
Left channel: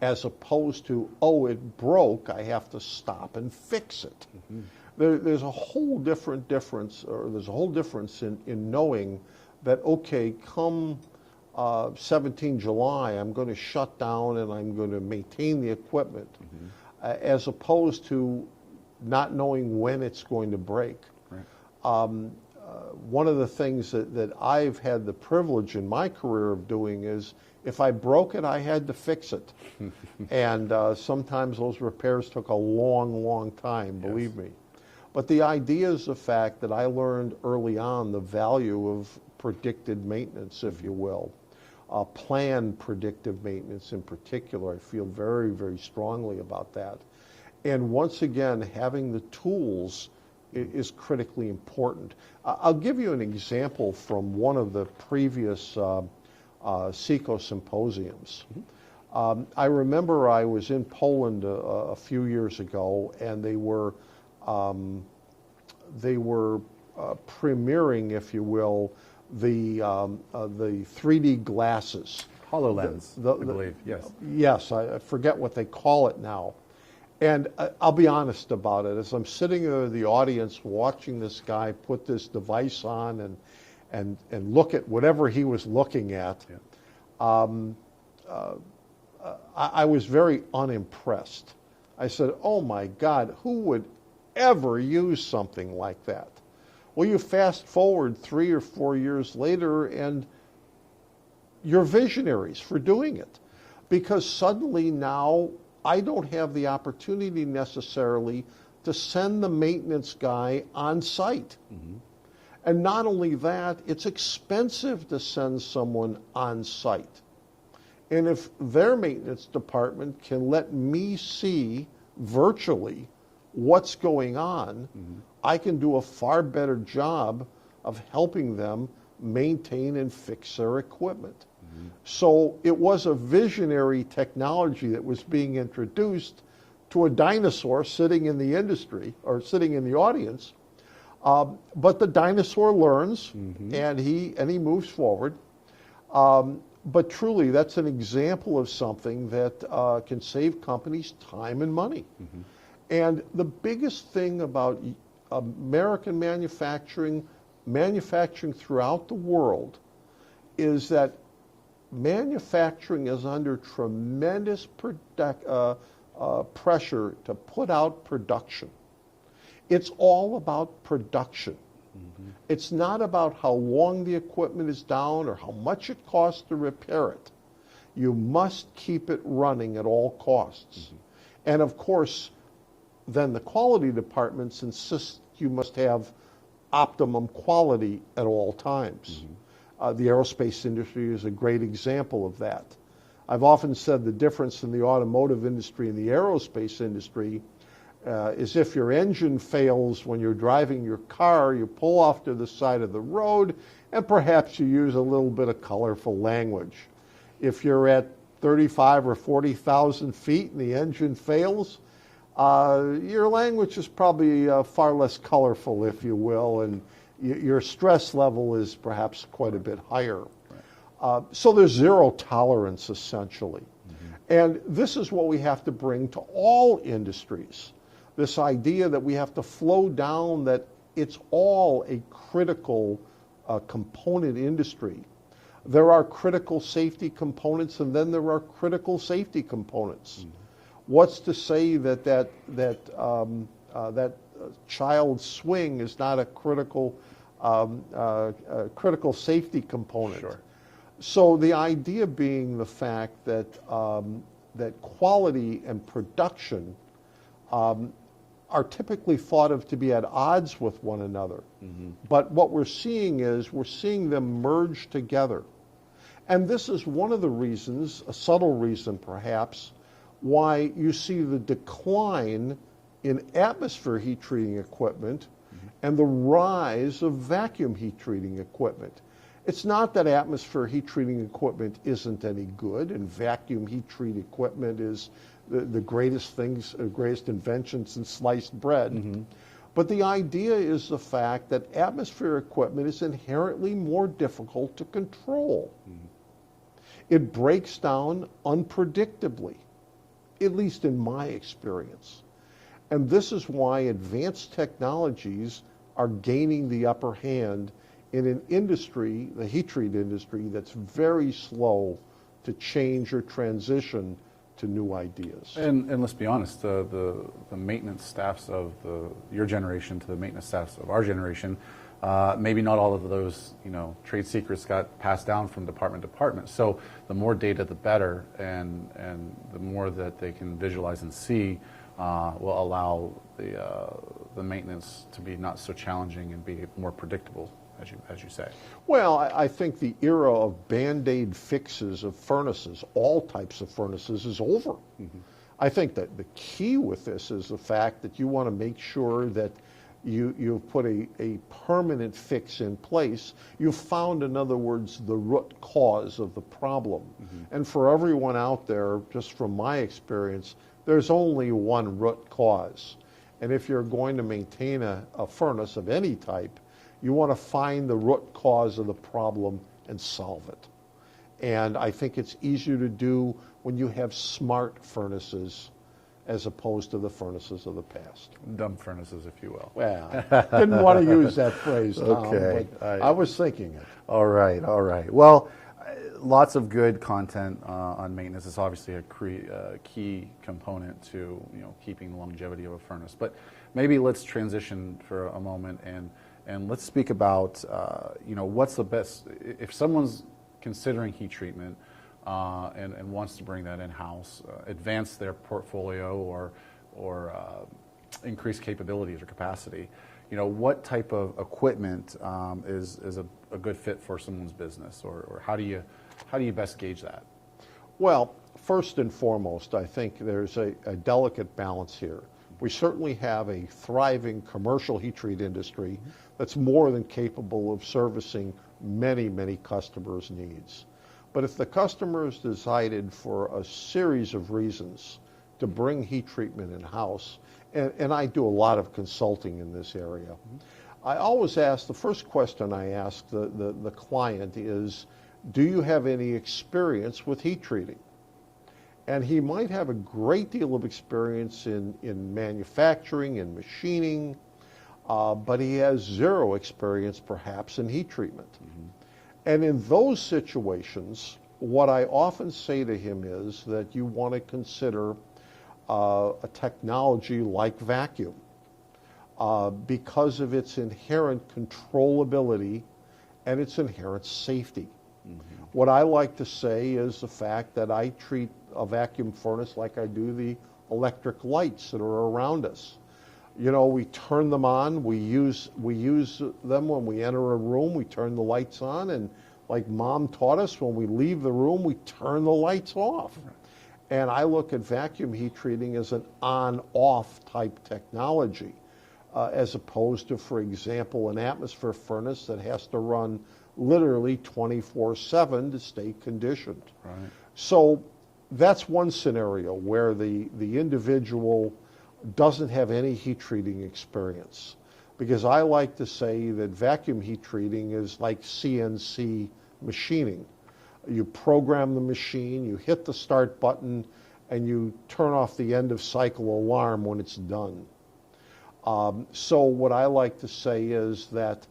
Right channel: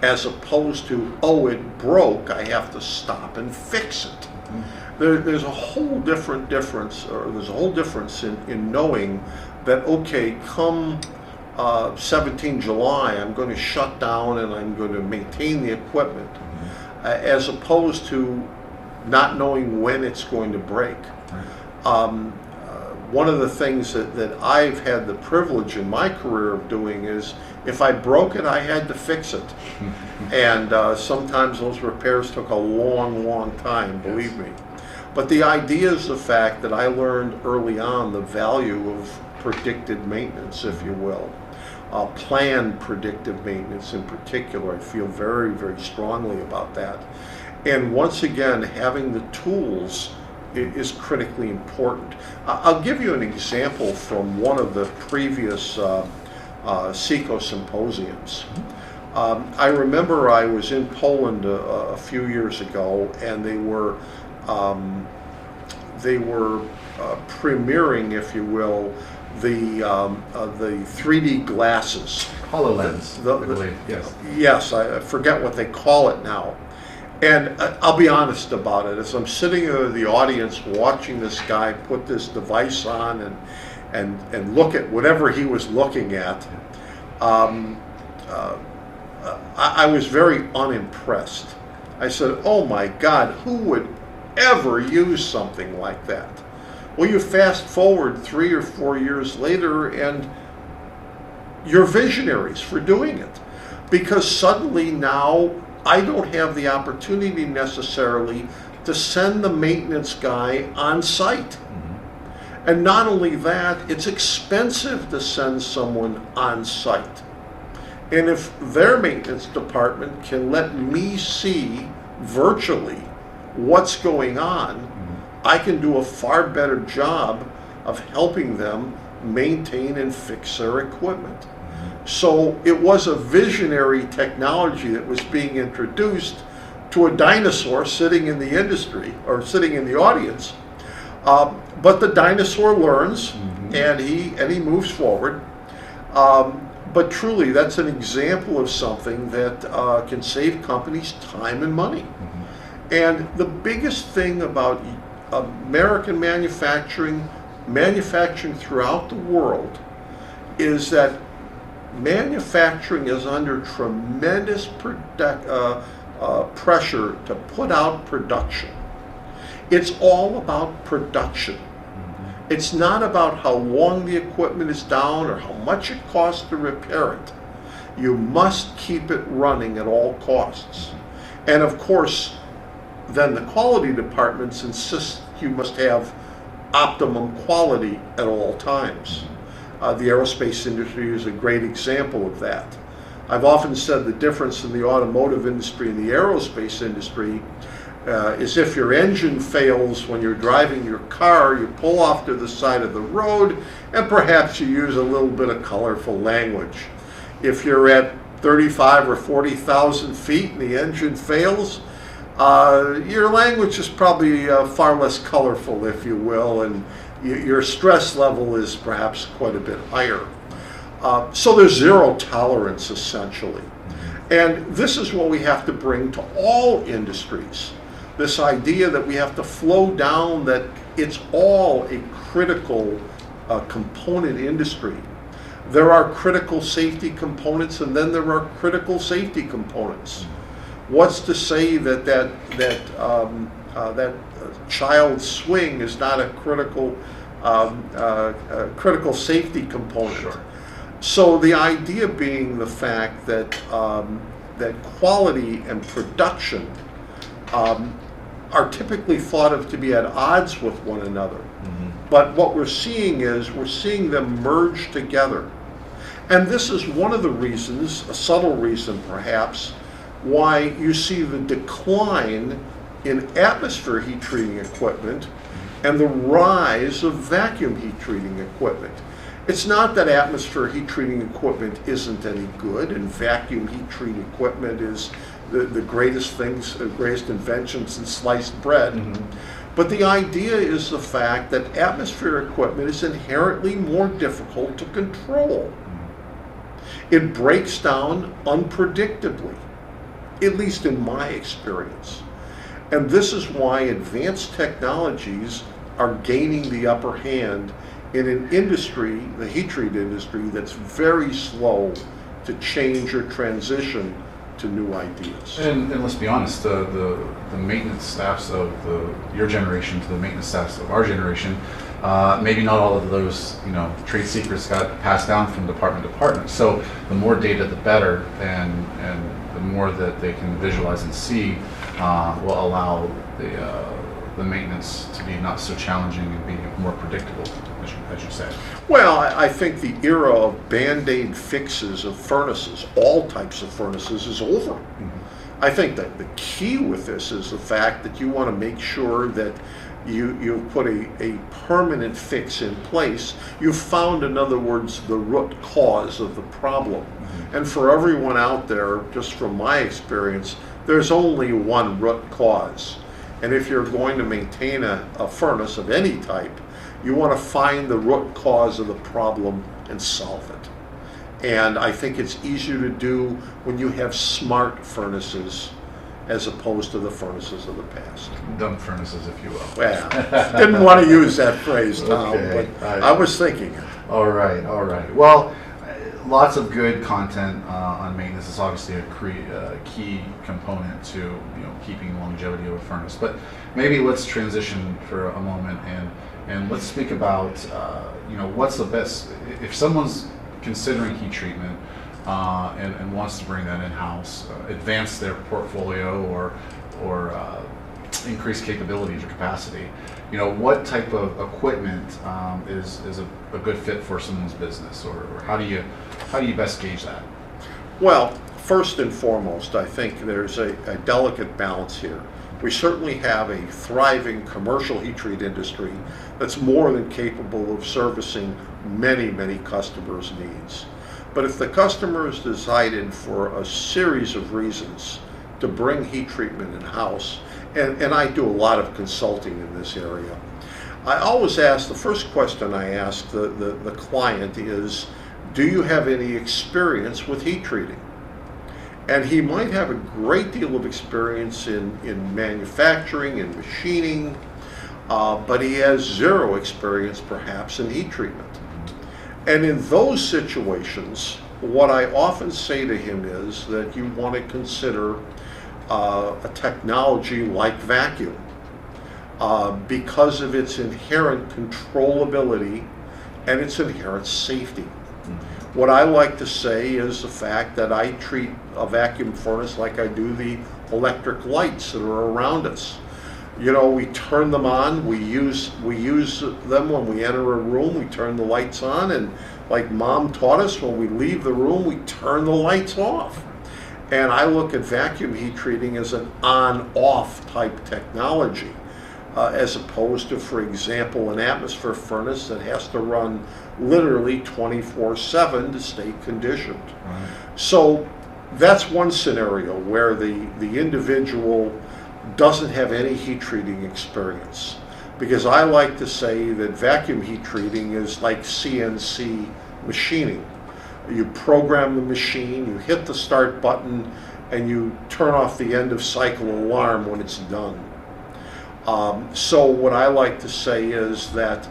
as opposed to, oh, it broke, I have to stop and fix it. Mm-hmm. There's a whole different difference, or there's a whole difference in knowing that, okay, come 17 July, I'm going to shut down and I'm going to maintain the equipment, as opposed to not knowing when it's going to break. Right. One of the things that I've had the privilege in my career of doing is, if I broke it, I had to fix it. And sometimes those repairs took a long, long time, believe me. But the idea is the fact that I learned early on the value of predicted maintenance, if you will. Planned predictive maintenance in particular. I feel very, very strongly about that. And once again, having the tools is critically important. I'll give you an example from one of the previous SECO symposiums. I remember I was in Poland a few years ago, and they were premiering, if you will, the 3D glasses. HoloLens, I believe, yes. Yes, I forget what they call it now. And I'll be honest about it. As I'm sitting in the audience watching this guy put this device on and look at whatever he was looking at, I was very unimpressed. I said, oh my God, who would ever use something like that? Well, you fast forward 3 or 4 years later and you're visionaries for doing it. Because suddenly now I don't have the opportunity necessarily to send the maintenance guy on site. Mm-hmm. And not only that, it's expensive to send someone on site. And if their maintenance department can let me see virtually what's going on, mm-hmm. I can do a far better job of helping them maintain and fix their equipment. So it was a visionary technology that was being introduced to a dinosaur sitting in the industry or sitting in the audience. But the dinosaur learns, mm-hmm. and he moves forward. But truly, that's an example of something that can save companies time and money. Mm-hmm. And the biggest thing about American manufacturing throughout the world, is that manufacturing is under tremendous pressure to put out production. It's all about production. Mm-hmm. It's not about how long the equipment is down or how much it costs to repair it. You must keep it running at all costs. Mm-hmm. And of course, then the quality departments insist you must have optimum quality at all times. Mm-hmm. The aerospace industry is a great example of that. I've often said the difference in the automotive industry and the aerospace industry is if your engine fails when you're driving your car, you pull off to the side of the road and perhaps you use a little bit of colorful language. If you're at 35 or 40,000 feet and the engine fails, your language is probably far less colorful, if you will, and your stress level is perhaps quite a bit higher. So there's zero tolerance, essentially. And this is what we have to bring to all industries. This idea that we have to flow down, that it's all a critical component industry. There are critical safety components, and then there are critical safety components. What's to say that child swing is not a critical safety component? Sure. So the idea being the fact that that quality and production are typically thought of to be at odds with one another. Mm-hmm. But what we're seeing is we're seeing them merge together. And this is one of the reasons, a subtle reason perhaps, why you see the decline in atmosphere heat treating equipment and the rise of vacuum heat treating equipment. It's not that atmosphere heat treating equipment isn't any good and vacuum heat treating equipment is the greatest things, greatest inventions in sliced bread. Mm-hmm. But the idea is the fact that atmosphere equipment is inherently more difficult to control. It breaks down unpredictably, at least in my experience. And this is why advanced technologies are gaining the upper hand in an industry, the heat treat industry, that's very slow to change or transition to new ideas. And let's be honest, the maintenance staffs of your generation to the maintenance staffs of our generation, maybe not all of those trade secrets got passed down from department to department. So the more data, the better, and the more that they can visualize and see will allow the maintenance to be not so challenging and be more predictable, as you said. Well, I think the era of Band-Aid fixes of furnaces, all types of furnaces, is over. Mm-hmm. I think that the key with this is the fact that you want to make sure that you put a permanent fix in place. You've found, in other words, the root cause of the problem. Mm-hmm. And for everyone out there, just from my experience, there's only one root cause. And if you're going to maintain a furnace of any type, you want to find the root cause of the problem and solve it. And I think it's easier to do when you have smart furnaces as opposed to the furnaces of the past. Dumb furnaces, if you will. Well, didn't want to use that phrase, Tom, okay. But I was thinking it. All right. Well, lots of good content on maintenance. It's obviously a key component to keeping longevity of a furnace. But maybe let's transition for a moment and let's speak about what's the best if someone's considering heat treatment and wants to bring that in-house, advance their portfolio or increase capabilities or capacity. What type of equipment is a good fit for someone's business, or how do you best gauge that? Well, first and foremost, I think there's a delicate balance here. We certainly have a thriving commercial heat treat industry that's more than capable of servicing many, many customers' needs. But if the customer has decided for a series of reasons to bring heat treatment in-house, and I do a lot of consulting in this area, I always ask, the first question I ask the client is, do you have any experience with heat treating? And he might have a great deal of experience in manufacturing and machining, but he has zero experience perhaps in heat treatment. And in those situations, what I often say to him is that you want to consider a technology like vacuum because of its inherent controllability and its inherent safety. What I like to say is the fact that I treat a vacuum furnace like I do the electric lights that are around us. We turn them on, we use them when we enter a room, we turn the lights on, and like Mom taught us, when we leave the room, we turn the lights off. And I look at vacuum heat treating as an on-off type technology, as opposed to, for example, an atmosphere furnace that has to run literally 24/7 to stay conditioned. Right. So that's one scenario where the individual doesn't have any heat treating experience. Because I like to say that vacuum heat treating is like CNC machining. You program the machine, you hit the start button, and you turn off the end of cycle alarm when it's done. So what I like to say is that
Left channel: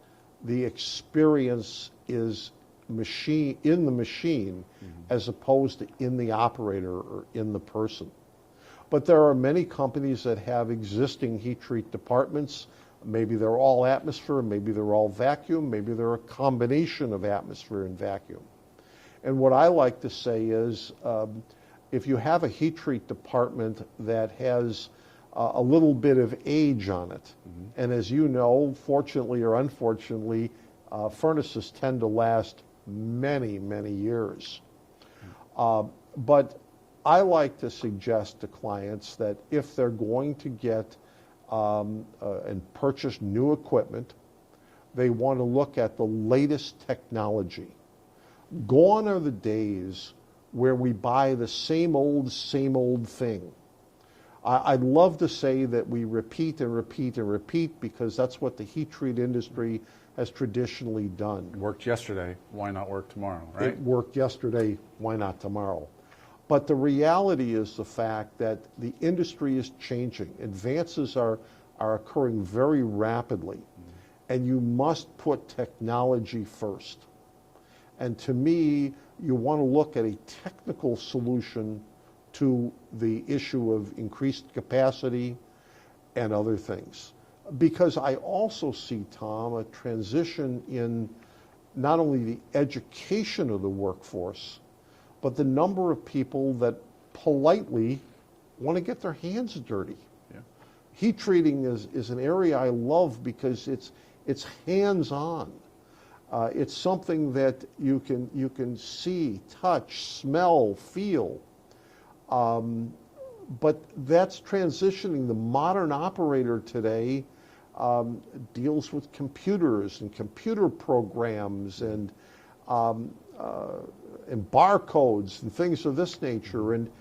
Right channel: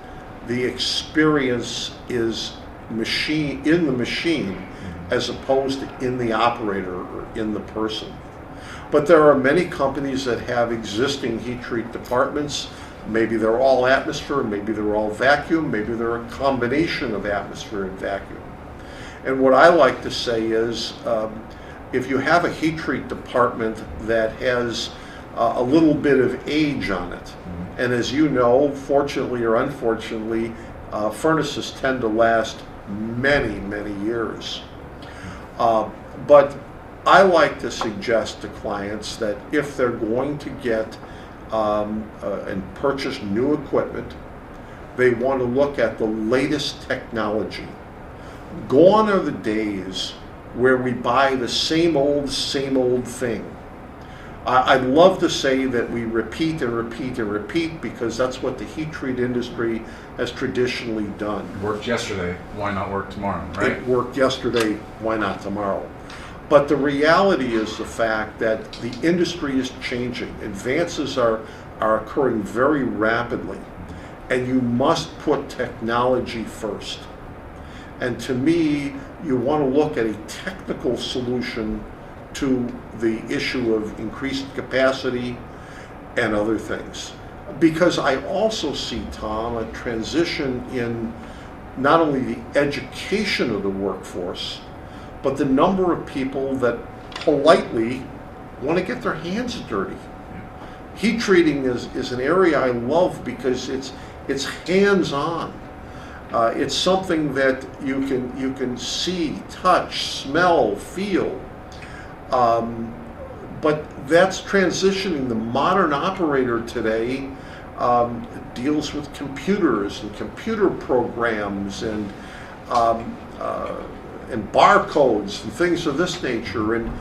the experience is in the machine as opposed to in the operator or in the person. But there are many companies that have existing heat treat departments. Maybe they're all atmosphere, maybe they're all vacuum, maybe they're a combination of atmosphere and vacuum. And what I like to say is, if you have a heat treat department that has a little bit of age on it, and as you know, fortunately or unfortunately, furnaces tend to last many, many years. But I like to suggest to clients that if they're going to get and purchase new equipment, they want to look at the latest technology. Gone are the days where we buy the same old thing. I'd love to say that we repeat and repeat and repeat because that's what the heat treat industry has traditionally done. Worked yesterday, why not work tomorrow, right? It worked yesterday, why not tomorrow? But the reality is the fact that the industry is changing. Advances are occurring very rapidly, and you must put technology first. And to me, you want to look at a technical solution to the issue of increased capacity and other things. Because I also see, Tom, a transition in not only the education of the workforce, but the number of people that politely want to get their hands dirty. Heat treating is an area I love because it's hands-on. It's something that you can see, touch, smell, feel. But that's transitioning. The modern operator today deals with computers and computer programs and barcodes and things of this nature. And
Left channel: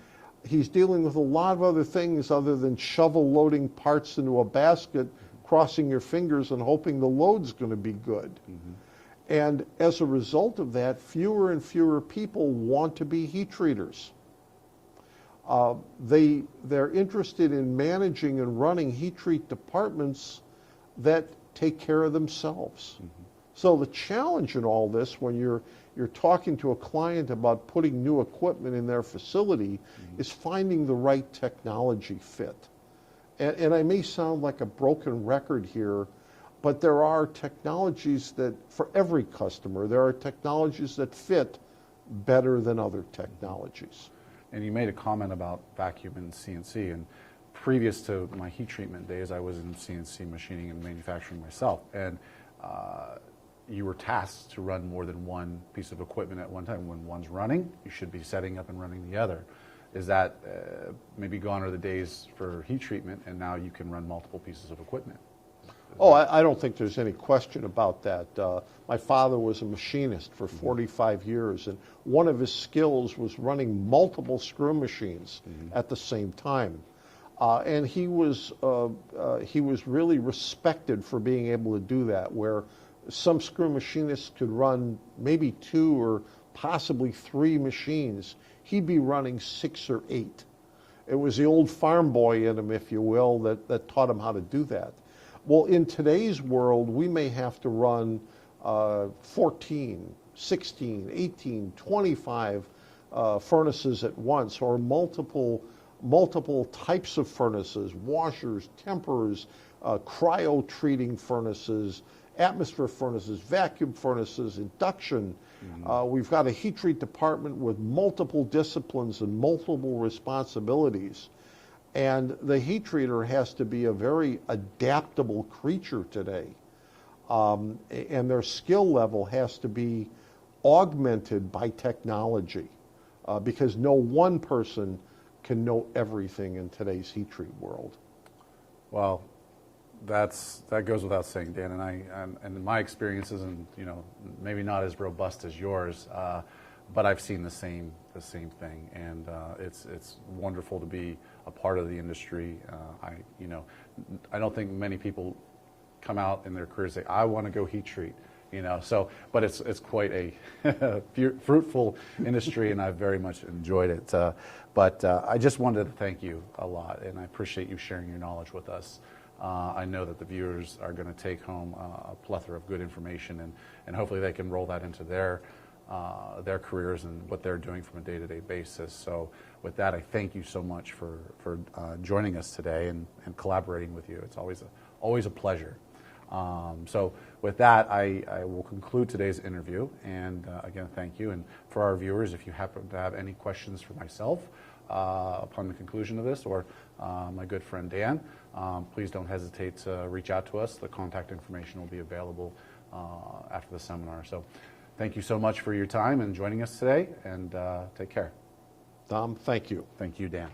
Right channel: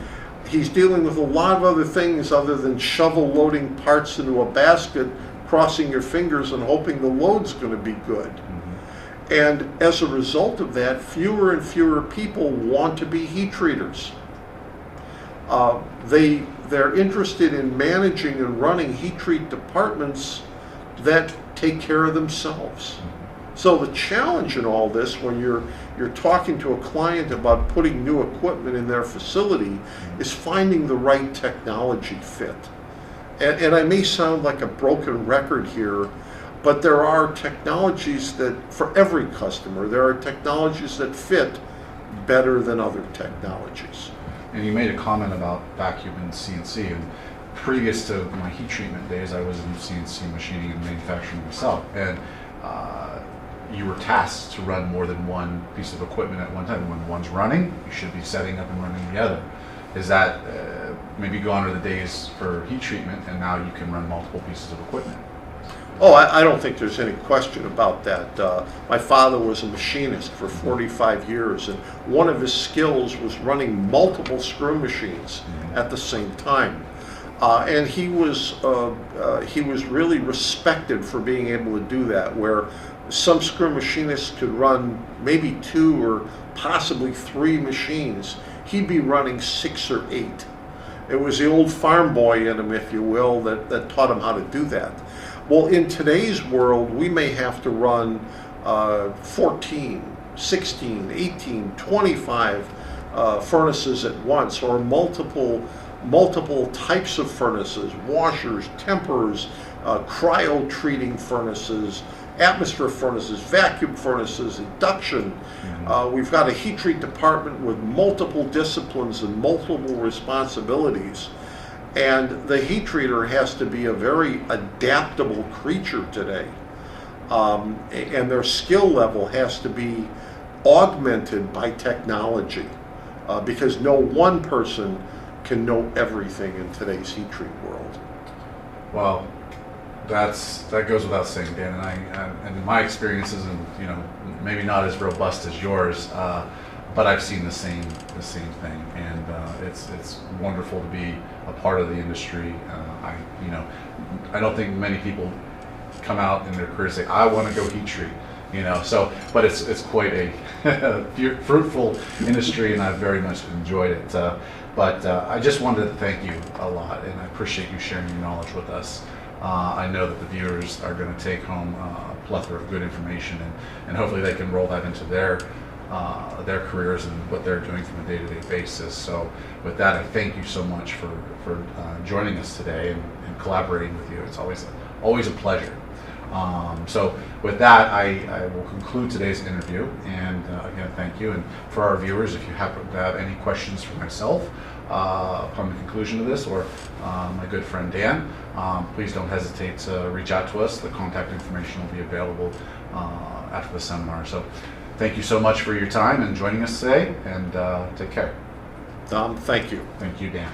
he's dealing with a lot of other things other than shovel loading parts into a basket, crossing your fingers and hoping the load's going to be good. Mm-hmm. And as a result of that, fewer and fewer people want to be heat treaters. They're interested in managing and running heat treat departments that take care of themselves. So the challenge in all this, when you're talking to a client about putting new equipment in their facility, is finding the right technology fit. And I may sound like a broken record here, but there are technologies that, for every customer, there are technologies that fit better than other technologies. And you made a comment about vacuum and CNC, and previous to my heat treatment days, I was in CNC machining and manufacturing myself, and you were tasked to run more than one piece of equipment at one time. When one's running, you should be setting up and running the other. Is that maybe gone are the days for heat treatment, and now you can run multiple pieces of equipment? Oh, I don't think there's any question about that. My father was a machinist for 45 years, and one of his skills was running multiple screw machines at the same time. And he was really respected for being able to do that, where some screw machinists could run maybe 2 or possibly 3 machines. He'd be running 6 or 8. It was the old farm boy in him, if you will, that taught him how to do that. Well, in today's world, we may have to run 14, 16, 18, 25 furnaces at once, or multiple types of furnaces, washers, tempers, cryo treating furnaces, atmosphere furnaces, vacuum furnaces, induction. We've got a heat treat department with multiple disciplines and multiple responsibilities. And the heat treater has to be a very adaptable creature today. And their skill level has to be augmented by technology, because no one person can know everything in today's heat treat world. Well, that goes without saying, Dan. And my experiences, and maybe not as robust as yours, but I've seen the same thing, and it's wonderful to be a part of the industry. I don't think many people come out in their career and say, I want to go heat treat. But it's quite a fruitful industry, and I've very much enjoyed it. But I just wanted to thank you a lot, and I appreciate you sharing your knowledge with us. I know that the viewers are going to take home a plethora of good information, and hopefully they can roll that into their careers and what they're doing from a day-to-day basis. So with that, I thank you so much for joining us today and collaborating with you. It's always a pleasure. So with that, I will conclude today's interview, and again, thank you. And for our viewers, if you happen to have any questions for myself upon the conclusion of this, or my good friend Dan, please don't hesitate to reach out to us. The contact information will be available after the seminar. So thank you so much for your time and joining us today, and take care. Tom, thank you. Thank you, Dan.